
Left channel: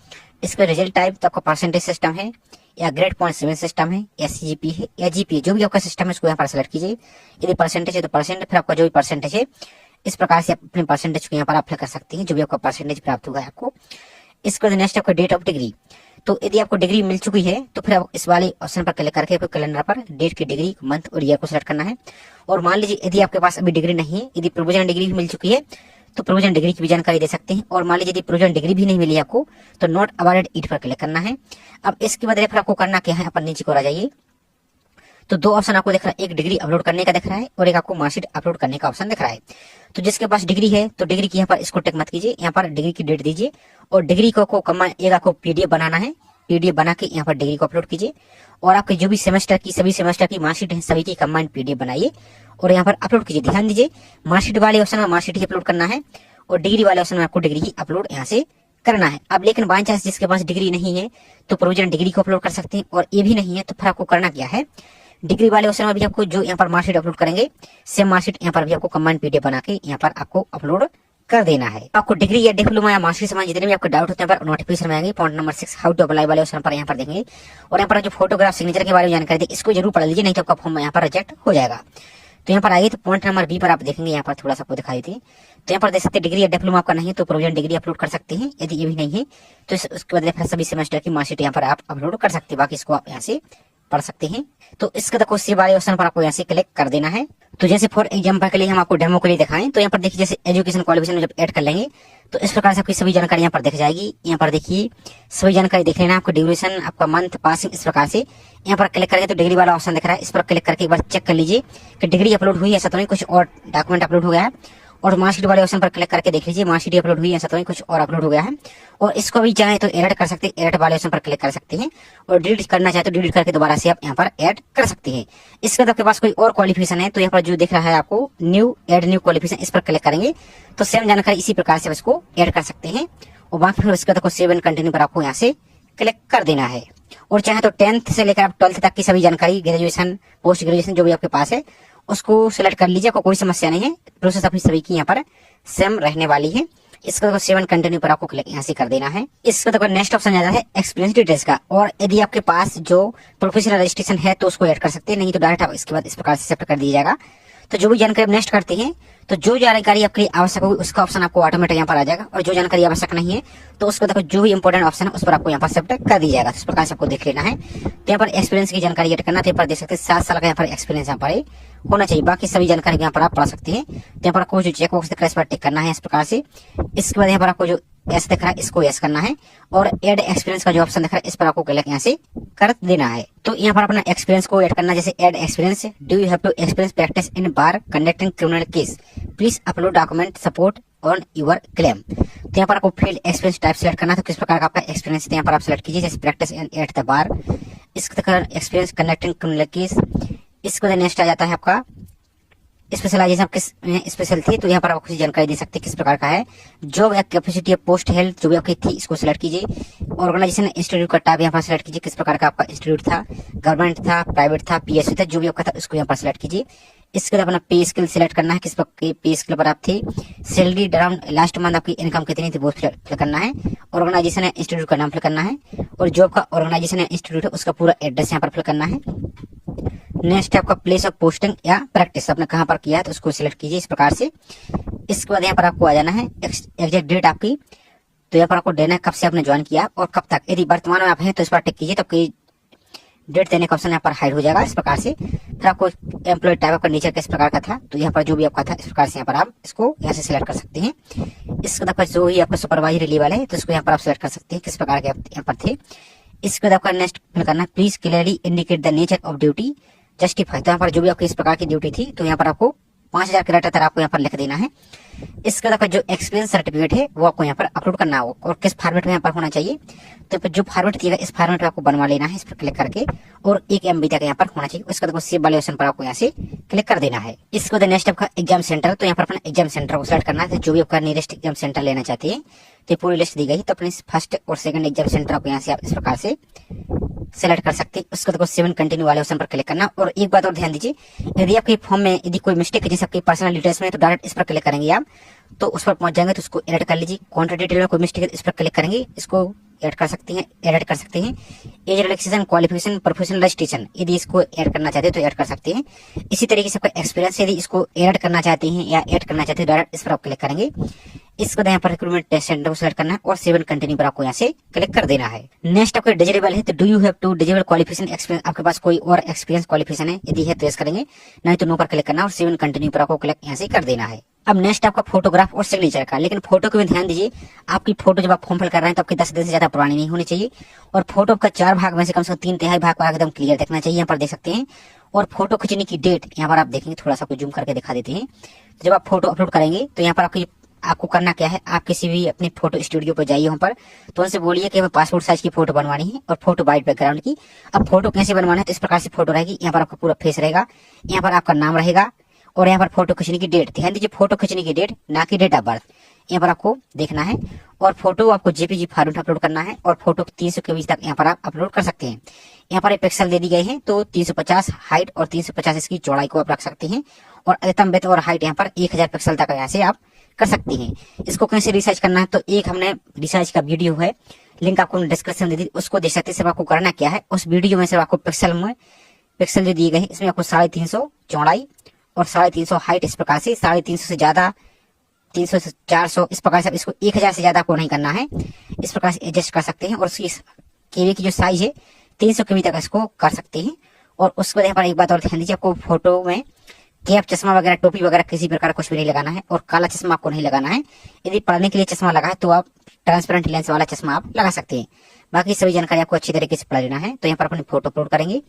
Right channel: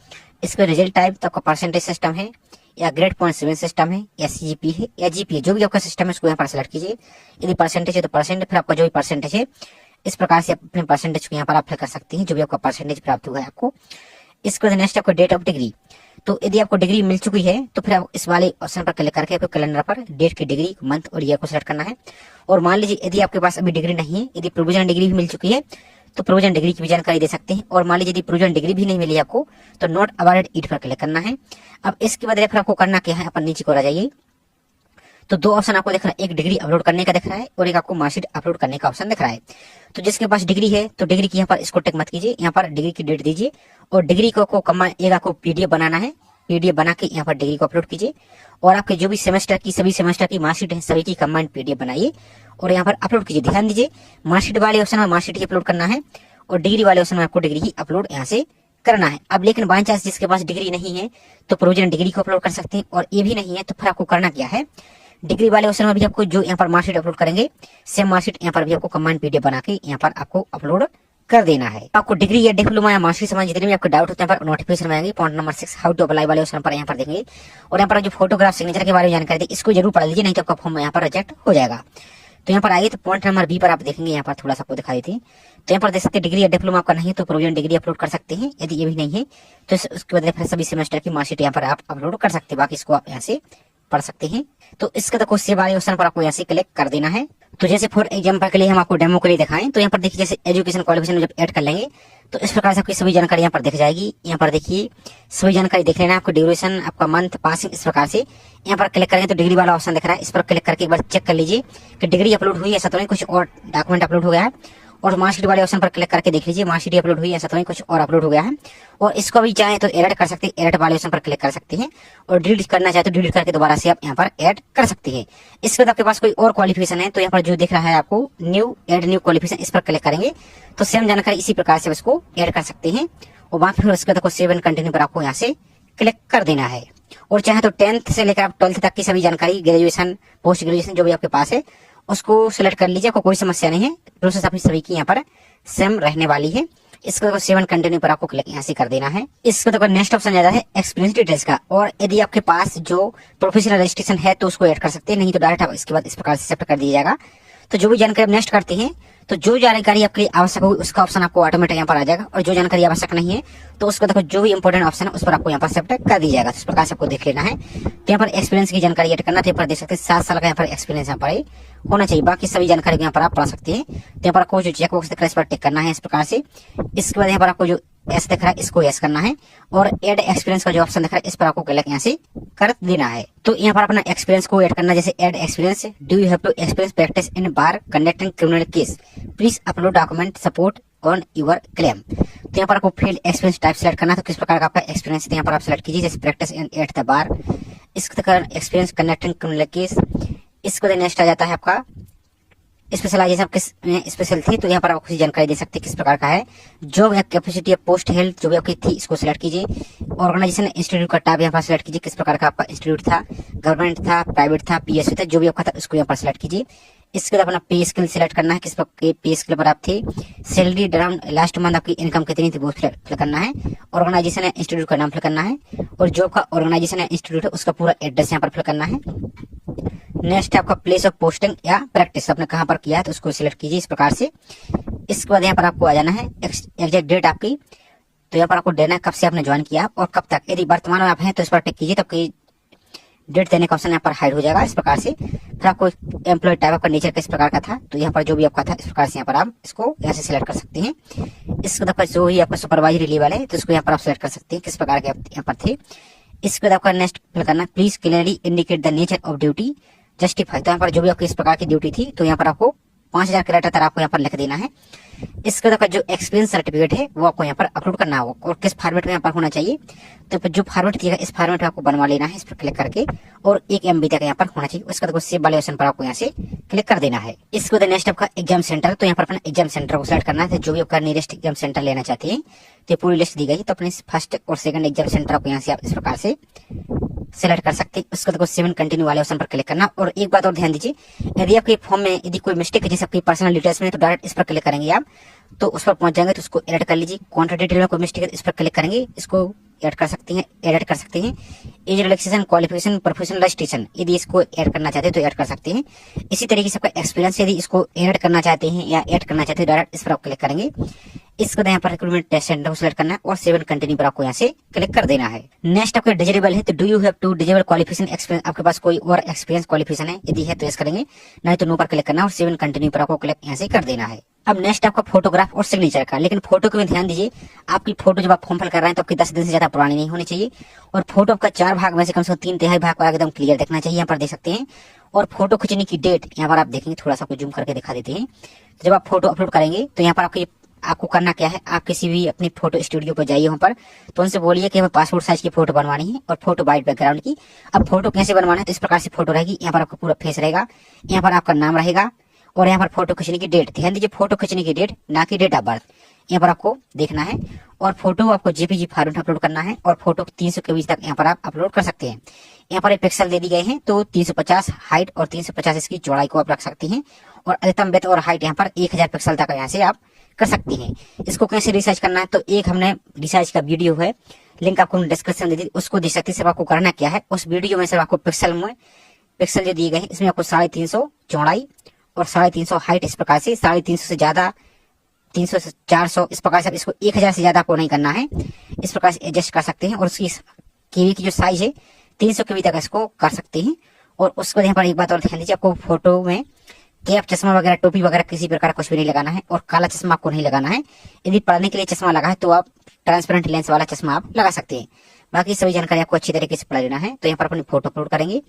इसका रिजल्ट टाइप, तो आपका परसेंटेज सिस्टम है या ग्रेड पॉइंट 7 सिस्टम है या सीजीपी है या जीपीए, जो भी आपका सिस्टम है उसको यहाँ पर सिलेक्ट कीजिए। यदि परसेंटेज है तो परसेंट, फिर आपका जो भी परसेंटेज है इस प्रकार से अपने परसेंटेज को यहाँ पर आप फिल कर सकते हैं, जो भी आपका परसेंटेज प्राप्त हुआ है आपको। इसके बाद नेक्स्ट आपका डेट ऑफ डिग्री, तो यदि आपको डिग्री मिल चुकी है तो फिर आप इस वाले ऑप्शन पर क्लिक करके आपको कैलेंडर पर डेट की डिग्री, मंथ और ईयर को सिलेक्ट करना है। और मान लीजिए यदि आपके पास अभी डिग्री नहीं है, यदि प्रोविजनल डिग्री भी मिल चुकी है तो प्रोविजन डिग्री की भी जानकारी दे सकते हैं। और मान लीजिए यदि प्रोविजन डिग्री भी नहीं मिली आपको तो नॉट अवॉर्डेड इट पर क्लिक करना है। अब इसके बाद फिर आपको करना क्या है, अपन नीचे को आ जाइए, तो 2 ऑप्शन आपको दिख रहा है, एक डिग्री अपलोड करने का दिख रहा है और एक आपको मार्कशीट अपलोड करने का ऑप्शन दिख रहा है। तो जिसके पास डिग्री है तो डिग्री की यहाँ पर इसको टिक मत कीजिए, यहाँ पर डिग्री की डेट दीजिए और डिग्री को एक आपको पीडीएफ बनाना है, पीडीएफ बना के यहाँ पर डिग्री को अपलोड कीजिए। और आपके जो भी सेमेस्टर की, सभी सेमेस्टर की मार्कशीट है सभी की कंबाइंड पीडीएफ बनाइए और यहाँ पर अपलोड कीजिए। ध्यान दीजिए मार्कशीट वाले ऑप्शन में मार्कशीट ही अपलोड करना है और डिग्री वाले ऑप्शन में आपको डिग्री की अपलोड यहाँ से करना है। अब लेकिन बाई चांस जिसके पास डिग्री नहीं है तो प्रोविजनल डिग्री को अपलोड कर सकते हैं, और ये भी नहीं है तो फिर आपको करना क्या है, डिग्री वाले ऑप्शन में भी आपको जो यहाँ पर मार्कशीट अपलोड करेंगे सेम मार्कशीट यहाँ पर भी आपको कंबाइंड पीडीएफ बना के यहाँ पर आपको अपलोड कर देना है। आपको डिग्री या डिप्लोमा या मास्टर्स में जितने भी आपके डाउट होते हैं पर नोटिफिकेशन में आएंगे। Point number 6 how to apply वाले ऑप्शन पर यहाँ पर देंगे, और यहाँ पर जो फोटोग्राफ सिग्नेचर के बारे में जानकारी दी इसको जरूर पढ़ लीजिए, नहीं तो आपका फॉर्म यहाँ पर रिजेक्ट हो जाएगा। तो यहाँ पर आइए तो पॉइंट नंबर बी पर आप देखेंगे, यहाँ पर थोड़ा सा आपको दिखाई देते हैं। तो यहाँ पर देख सकते हैं डिग्री या डिप्लोमा आपका नहीं तो प्रोविजनल डिग्री अपलोड कर सकते हैं, यदि ये भी नहीं है तो उसके बदले फिर सभी सेमेस्टर की मार्कशीट यहाँ पर आप अपलोड कर सकते हैं, बाकी इसको आप यहाँ से पढ़ सकते हैं। तो इसका देखो सी वाले ऑप्शन पर आपको यहाँ से क्लिक कर देना है। तो जैसे फॉर एग्जाम्पल के लिए हम आपको डेमो के लिए दिखाएं, तो यहाँ पर देखिए जैसे एजुकेशन क्वालिफिकेशन जब ऐड कर लेंगे तो इस प्रकार से आपकी सभी जानकारी यहाँ पर दिख जाएगी। यहाँ पर देखिए सभी जानकारी देख लेना है, आपको ड्यूरेशन, आपका मंथ, पासिंग, इस प्रकार से यहाँ पर क्लिक करेंगे तो डिग्री वाला ऑप्शन दिख रहा है, इस पर क्लिक करके एक बार चेक कर लीजिए कि डिग्री अपलोड हुई, ऐसा तो नहीं कुछ और डॉक्यूमेंट अपलोड हो गया है। और मार्कशीट वाले ऑप्शन पर क्लिक करके देख लीजिए मार्कशीट अपलोड हुई, ऐसा तो नहीं कुछ और अपलोड हो गया है। और इसको भी चाहे तो एडिट कर सकते हैं, एडिट वाले ऑप्शन पर क्लिक कर सकते हैं, और डिलीट करना चाहे तो डिलीट करके दोबारा से आप यहाँ पर ऐड कर सकते हैं। इसके बाद आपके पास कोई और क्वालिफिकेशन है तो यहाँ पर जो दिख रहा है आपको न्यू एड न्यू क्वालिफिकेशन, इस पर क्लिक करेंगे तो सेम जानकारी इसी प्रकार से इसको ऐड कर सकते हैं। और वहां फिर उसके बाद सेव एंड कंटिन्यू पर आपको यहाँ से क्लिक कर देना है। और चाहे तो 10th से लेकर आप 12th तक की सभी जानकारी, ग्रेजुएशन, पोस्ट ग्रेजुएशन जो भी आपके पास है उसको सिलेक्ट कर लीजिए, आपको कोई समस्या नहीं है, प्रोसेस अपनी सभी की यहाँ पर सेम रहने वाली है। इसको सेवन कंटिन्यू पर आपको क्लिक यहाँ से कर देना है। इसको तो नेक्स्ट ऑप्शन जाता है एक्सपीरियंस डिटेल्स का, और यदि आपके पास जो प्रोफेशनल रजिस्ट्रेशन है तो उसको ऐड कर सकते हैं, नहीं तो डायरेक्ट आप इसके बाद इस प्रकार से सेट कर दिया जाएगा। तो जो भी जानकारी नेक्स्ट करते हैं तो जो जानकारी आपके लिए आवश्यक होगी उसका ऑप्शन आपको ऑटोमेटिक यहाँ पर आ जाएगा, और जो जानकारी आवश्यक नहीं है तो उसको देखो जो भी इंपॉर्टेंट ऑप्शन है उस पर आपको यहाँ पर सेलेक्ट कर दिया जाएगा। तो इस प्रकार से आपको देख लेना है। तो यहाँ पर एक्सपीरियंस की जानकारी ऐड करना, तो यहाँ पर देख सकते हैं 7 साल का यहाँ पर एक्सपीरियंस यहाँ पर होना चाहिए, बाकी सभी जानकारी यहाँ पर आप पढ़ सकते हैं। तो यहाँ पर आपको जो चेक बॉक्स दिख रहा है इस पर टिक करना है इस प्रकार से। इसके बाद यहाँ पर आपको जो एस दिख रहा है इसको एस करना है, और एड एक्सपीरियंस का जो ऑप्शन दिख रहा है इस पर आपको क्लिक यहाँ से कर देना है। तो यहाँ पर अपना एक्सपीरियंस को ऐड करना, जैसे add experience, do you have to experience practice in bar conducting criminal case, please upload document support on your claim. तो यहाँ पर आपको फील्ड एक्सपीरियंस टाइप सेलेक्ट करना है, तो किस प्रकार का आपका एक्सपीरियंस है यहाँ पर आप सेलेक्ट कीजिए, जैसे practice in at the bar, इसका एक्सपीरियंस कंडक्टिंग क्रिमिनल केस। इसको नेक्स्ट आ जाता है आपका स्पेशलाइजेशन किस स्पेशल थी, तो यहाँ पर आप कुछ जानकारी दे सकते हैं किस प्रकार का है। जो कैपेसिटी ऑफ पोस्ट हेल्थ जो भी आपकी थी इसको सिलेक्ट कीजिए। ऑर्गेनाइजेशन इंस्टीट्यूट का टाइप यहाँ पर सिलेक्ट कीजिए, किस प्रकार का आपका इंस्टीट्यूट था, गवर्नमेंट था, प्राइवेट था, पीएससी था, जो भी आपका था उसको यहाँ पर सिलेक्ट कीजिए। इसके बाद अपना पे स्किल सिलेक्ट करना है, किस पे स्किल पर आप थे, सैलरी अराउंड लास्ट मंथ आपकी इनकम कितनी थी वो फिल करना है, ऑर्गेनाइजेशन है इंस्टीट्यूट का नाम फिल करना है, और जो आपका ऑर्गेनाइजेशन है इंस्टीट्यूट है उसका पूरा एड्रेस यहाँ पर फिल करना है। नेक्स्ट आपका प्लेस ऑफ पोस्टिंग या प्रैक्टिस आपने कहां पर किया है तो उसको सिलेक्ट कीजिए इस प्रकार से। इसके बाद यहाँ पर आपको आ जाना है एग्जैक्ट डेट आपकी, तो यहाँ पर आपको देना है कब से आपने ज्वाइन किया और कब तक। यदि वर्तमान में आप हैं तो इस पर टिक कीजिए, तो आपकी डेट देने का ऑप्शन यहाँ पर हाइड हो जाएगा इस प्रकार से। फिर आपको एम्प्लॉय टाइप आपका नेचर किस प्रकार का था, तो यहाँ पर जो भी आपका था इस प्रकार से यहाँ पर आप इसको यहाँ से सिलेक्ट कर सकते हैं। इसके बाद जो ही आपका सुपरवाइजरी लेवल है तो इसको यहाँ पर आप सिलेक्ट कर सकते हैं किस प्रकार के आप यहाँ पर थे। इसके बाद आपका नेक्स्ट फिल करना है please clearly indicate the nature of duty justify, तो यहाँ पर जो भी आपकी इस प्रकार की ड्यूटी थी तो यहाँ पर आपको 5000 कैरेक्टर तक आपको यहाँ पर लिख देना है। इसके बाद जो एक्सपीरियंस सर्टिफिकेट है वो आपको यहाँ पर अपलोड करना होगा, और किस फॉर्मेट में यहाँ पर होना चाहिए, तो जो फॉर्मेट दिएगा इस फॉर्मेट में आपको बनवा लेना है इस पर क्लिक करके, और 1 MB तक यहाँ पर होना चाहिए। उसके बाद सेव वाले ऑप्शन पर आपको यहाँ से क्लिक कर देना है। इसके बाद नेक्स्ट आपका एग्जाम सेंटर, तो यहाँ पर अपना एग्जाम सेंटर को सिलेक्ट करना है, तो जो भी आपका नियरेस्ट एग्जाम सेंटर लेना चाहते हैं तो पूरी लिस्ट दी गई, तो अपने फर्स्ट और सेकंड एग्जाम सेंटर आपको यहाँ से आप इस प्रकार से सेलेक्ट कर सकते हैं। उसके बाद सेवन कंटिन्यू वाले ऑप्शन पर क्लिक करना। और एक बात और ध्यान दीजिए, यदि आपके फॉर्म में यदि कोई मिस्टेक है जैसे आपकी पर्सनल डिटेल्स में, तो डायरेक्ट इस पर क्लिक करेंगे आप तो उस पर पहुंच जाएंगे, तो उसको एडिट कर लीजिए। कॉन्टैक्ट डिटेल में कोई मिस्टेक है इस पर क्लिक करेंगे, इसको ऐड कर सकते हैं, एडिट कर सकते हैं। Age relaxation, qualification, professional registration, यदि इसको ऐड करना चाहते हैं तो ऐड कर सकते हैं। इसी तरीके से आपका एक्सपीरियंस यदि इसको ऐड करना चाहते हैं या ऐड करना चाहते हैं डायरेक्ट इस पर आप क्लिक करेंगे। इसको यहाँ पर रिक्रूटमेंट टेस्ट सेंटर को सिलेक्ट करना है और सेवन कंटिन्यू पर आपको यहाँ से क्लिक कर देना है। नेक्स्ट आपका डिजेबल है, तो do you have to disable qualification experience, आपके पास कोई और एक्सपीरियंस क्वालिफिकेशन है, यदि है तो यस करेंगे, नहीं तो नो पर क्लिक करना और सेवन कंटिन्यू पर आपको क्लिक यहाँ से कर देना है। अब नेक्स्ट आपका फोटोग्राफ और सिग्नेचर का, लेकिन फोटो को भी ध्यान दीजिए, आपकी फोटो जब आप फॉर्म फिल कर रहे हैं तो आपकी 10 दिन से ज्यादा पुरानी नहीं होनी चाहिए, और फोटो आपका 4 भाग में से कम से कम 3/3 भाग पर एकदम क्लियर दिखना चाहिए, यहाँ पर देख सकते हैं। और फोटो खींचने की डेट यहाँ पर आप देखेंगे, थोड़ा सा जूम करके दिखा देते हैं। जब आप फोटो अपलोड करेंगे तो यहाँ पर आपको करना क्या है, आप किसी भी अपने फोटो स्टूडियो पर जाइए वहां पर, तो उनसे बोलिए कि हमें पासपोर्ट साइज की फोटो बनवानी है और फोटो वाइट बैकग्राउंड की। अब फोटो कैसे बनवाना है, तो इस प्रकार से फोटो रहेगी, यहाँ पर आपका पूरा फेस रहेगा, यहाँ पर आपका नाम रहेगा, और यहाँ पर फोटो खींचने की डेट, ध्यान दीजिए फोटो खींचने की डेट ना कि डेट ऑफ बर्थ। यहाँ पर आपको देखना है। और फोटो आपको जेपीजी फॉर्मेट अपलोड करना है और फोटो 300 केबी तक यहाँ पर आप अपलोड कर सकते हैं। यहाँ पर एक पिक्सल दे दी गए हैं, तो 350 हाइट और 350 इसकी चौड़ाई को आप रख सकते हैं। और अधिकतम विड्थ और हाइट यहाँ पर 1000 पिक्सल तक यहाँ से आप कर सकते हैं। इसको कैसे रिसाइज करना है, तो एक हमने रिसाइज का वीडियो है, लिंक आपको डिस्क्रिप्शन दे दी, उसको देख सकते हैं। सिर्फ आपको करना क्या है, उस वीडियो में सिर्फ आपको पिक्सल जो दिए गए हैं, इसमें आपको 350 चौड़ाई और 350 हाइट, इस प्रकार से 350 से ज्यादा, 300 से 400, इस प्रकार से इसको 1000 से ज्यादा आपको नहीं करना है। इस प्रकार से एडजस्ट कर सकते हैं। और उसकी केबी की जो साइज है 300 केबी तक इसको कर सकते हैं। और उसके बाद यहाँ पर एक बात और ध्यान दीजिए, आपको फोटो में कैप, चश्मा वगैरह, टोपी वगैरह किसी प्रकार कुछ भी नहीं लगाना है। और काला चश्मा आपको नहीं लगाना है। यदि पढ़ने के लिए चश्मा लगा है तो आप ट्रांसपेरेंट लेंस वाला चश्मा आप लगा सकते हैं। बाकी सभी जानकारी आपको अच्छी तरीके से पढ़ लेना है। तो यहाँ पर अपनी फोटो अपलोड करेंगे,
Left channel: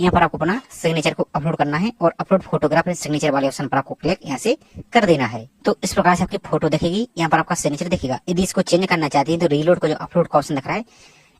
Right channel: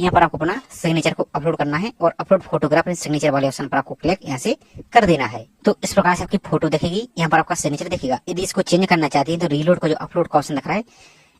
यहाँ पर आपको अपना सिग्नेचर को अपलोड करना है और अपलोड फोटोग्राफ सिग्नेचर वाले ऑप्शन पर आपको क्लिक यहाँ से कर देना है। तो इस प्रकार से आपकी फोटो दिखेगी, यहाँ पर आपका सिग्नेचर दिखेगा। यदि इसको चेंज करना चाहते हैं तो रीलोड को जो अपलोड का ऑप्शन दिख रहा है,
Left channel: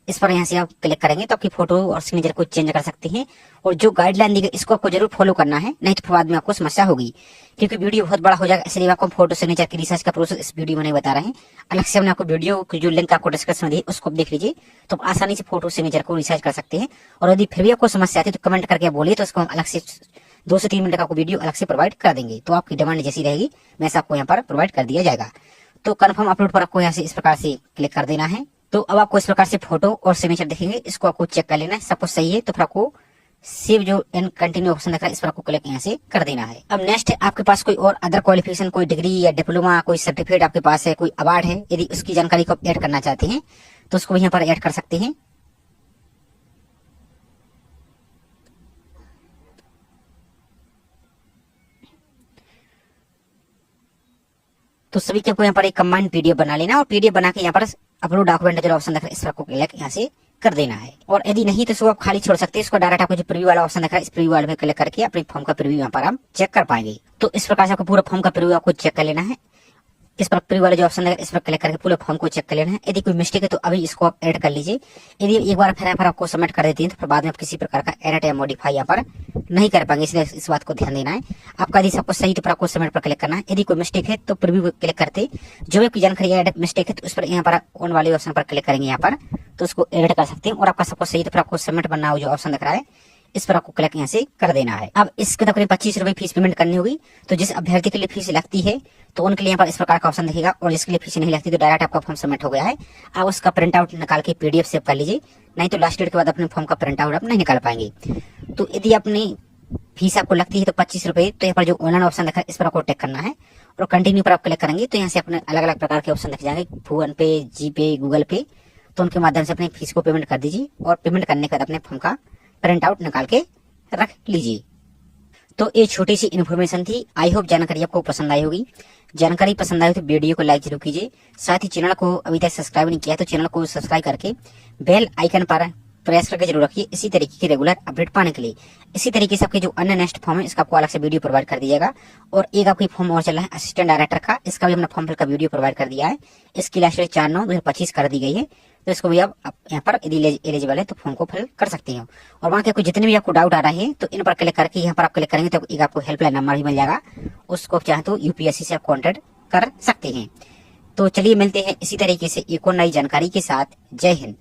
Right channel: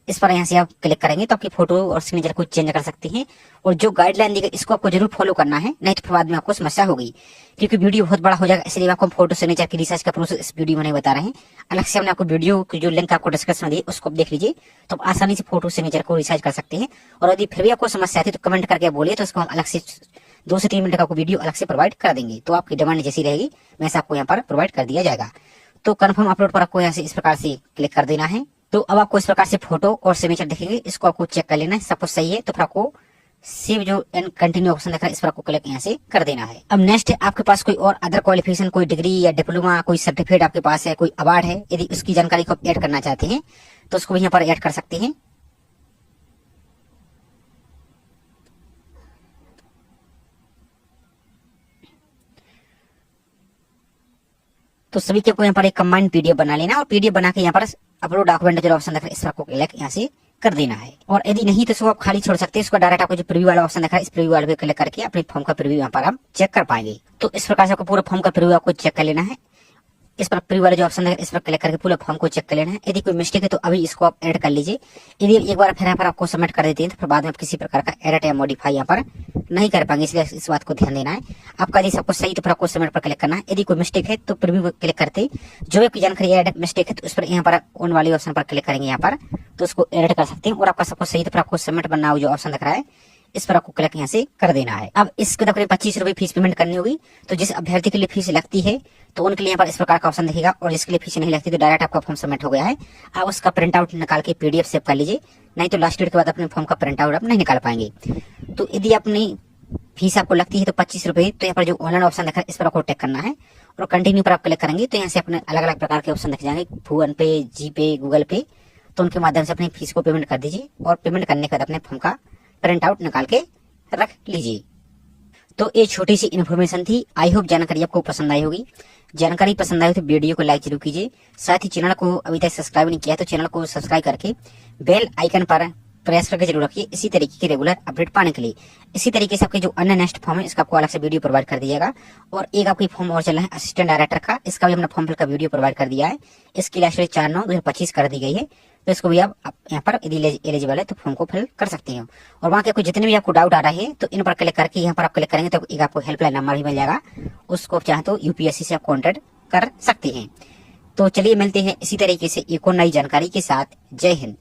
इस पर यहाँ से आप क्लिक करेंगे तो आपकी फोटो और सिग्नेचर को चेंज कर सकते हैं। और जो गाइडलाइन दी गई इसको आपको जरूर फॉलो करना है, नहीं तो फिर बाद में आपको समस्या होगी, क्योंकि वीडियो बहुत बड़ा हो जाएगा। इसलिए आपको फोटो सिग्नेचर की रिसर्च का प्रोसेस इस वीडियो में नहीं बता रहे हैं। अलग से हमने आपको वीडियो की जो लिंक आपको डिस्क्रिप्शन में दी उसको देख लीजिए, तो आप आसानी से फोटो सिग्नेचर को रिसर्च कर सकते हैं। और यदि फिर भी आपको समस्या आती है तो कमेंट करके आप बोलिए, तो इसको हम अलग से 2 से 3 मिनट का आपको वीडियो अलग से प्रोवाइड कर देंगे। तो आपकी डिमांड जैसी रहेगी वैसे आपको यहाँ पर प्रोवाइड कर दिया जाएगा। तो कंफर्म अपलोड पर आपको यहाँ से इस प्रकार से क्लिक कर देना है। तो अब आपको इस प्रकार से फोटो और सिग्नेचर दिखेंगे, इसको आपको चेक कर लेना है। सब कुछ सही है तो फिर आपको सेव जो एंड कंटिन्यू ऑप्शन दिख रहा है, इस पर आपको क्लिक यहाँ से कर देना है। अब नेक्स्ट है, आपके पास कोई और अदर क्वालिफिकेशन, कोई डिग्री या डिप्लोमा, कोई सर्टिफिकेट आपके पास है, कोई अवार्ड है, यदि उसकी जानकारी को आप ऐड करना चाहते हैं तो उसको यहाँ पर ऐड कर सकते हैं। तो सभी के आपको यहाँ पर एक कंबाइंड पीडीएफ बना लेना और पीडीएफ बना के यहाँ पर अपलोड डॉक्यूमेंट जो ऑप्शन दिख रहा है, इस पर आपको क्लिक यहाँ से कर देना है। और यदि नहीं तो इसको आप खाली छोड़ सकते हैं। इसको डायरेक्ट आपको जो प्रीव्यू वाला ऑप्शन दिख रहा है, इस प्रीव्यू वाले पे क्लिक करके अपने फॉर्म का प्रीव्यू यहाँ पर आप चेक कर पाएंगे। तो इस प्रकार से आपको पूरा फॉर्म का प्रीव्यू आपको चेक कर लेना है। इस पर प्रीव्यू वाला जो ऑप्शन है, इस पर क्लिक करके पूरे फॉर्म को चेक कर लेना है। यदि कोई मिस्टेक है तो अभी इसको आप ऐड कर लीजिए। यदि एक बार फिर यहाँ पर आपको सबमिट कर देते हैं तो फिर बाद में आप किसी प्रकार का एडिट या मॉडिफाई यहाँ पर नहीं कर पाएंगे, इसलिए इस बात को ध्यान देना है। आपका यदि सब कुछ सही तो फिर आपको सबमिट पर क्लिक करना है। यदि कोई मिस्टेक है तो प्रीव्यू क्लिक करते जो भी आपकी जानकारी एडिट मिस्टेक है तो उस पर यहाँ पर ऑन वाले ऑप्शन पर क्लिक करेंगे यहाँ पर, तो उसको एडिट कर सकते हैं। और आपका सब कुछ सही तो फिर आपको सबमिट बनना हो जो ऑप्शन दिख रहा है, इस पर आपको क्लिक यहाँ से कर देना है। अब इसके तकरीबन 25 रुपए फीस पेमेंट करनी होगी। तो जिस अभ्यर्थी के लिए फीस लगती है तो उनके लिए यहाँ पर इस प्रकार का ऑप्शन दिखेगा, और जिसके लिए फीस नहीं लगती तो डायरेक्ट आपका फॉर्म सबमिट हो गया है। आप उसका प्रिंट आउट निकाल के पीडीएफ सेव कर लीजिए, नहीं तो लास्ट डेट के बाद अपने फॉर्म का प्रिंट आउट आप नहीं निकाल पाएंगे। तो यदि अपनी फीस आपको लगती है तो 25 रुपए, तो यहाँ पर जो ऑनलाइन ऑप्शन दिखा है इस पर आपको टिक करना है और कंटिन्यू पर आप क्लिक करेंगे तो यहाँ से अपने अलग अलग प्रकार के ऑप्शन दिख जाएंगे, फोन पे, जी पे, गूगल पे। तो उनके माध्यम से अपनी फीस को पेमेंट कर दीजिए और पेमेंट करने के बाद अपने फॉर्म का प्रिंट आउट निकाल के रख लीजिए। तो ये छोटी सी इन्फॉर्मेशन थी। आई होप जानकारी आपको पसंद आई होगी। जानकारी पसंद आई तो वीडियो को लाइक जरूर कीजिए। साथ ही चैनल को अभी तक सब्सक्राइब नहीं किया तो चैनल को सब्सक्राइब करके बेल आइकन पर प्रेस करके जरूर रखिए, इसी तरीके की रेगुलर अपडेट पाने के लिए। इसी तरीके से आपके जो अन्य नेक्स्ट फॉर्म है इसका आपको अलग से वीडियो प्रोवाइड कर दिएगा। और एक आपकी फॉर्म और चल रहा है असिस्टेंट डायरेक्टर का, इसका भी हमने फॉर्म फिल का वीडियो प्रोवाइड कर दिया है। इसकी लास्ट डेट 4/9/2025 कर दी गई है। तो इसको भी आप यहाँ पर यदि एलिजिबल है तो फॉर्म को फिल कर सकते हो। और वहाँ के आपको जितने भी आपको डाउट आ रहे हैं तो इन पर क्लिक करके यहाँ पर आप क्लिक करेंगे तो एक आपको हेल्पलाइन नंबर भी मिल जाएगा, उसको चाहे तो यूपीएससी से आप कॉन्टेक्ट कर सकते हैं। तो चलिए मिलते हैं इसी तरीके से एक और नई जानकारी के साथ। जय हिंद।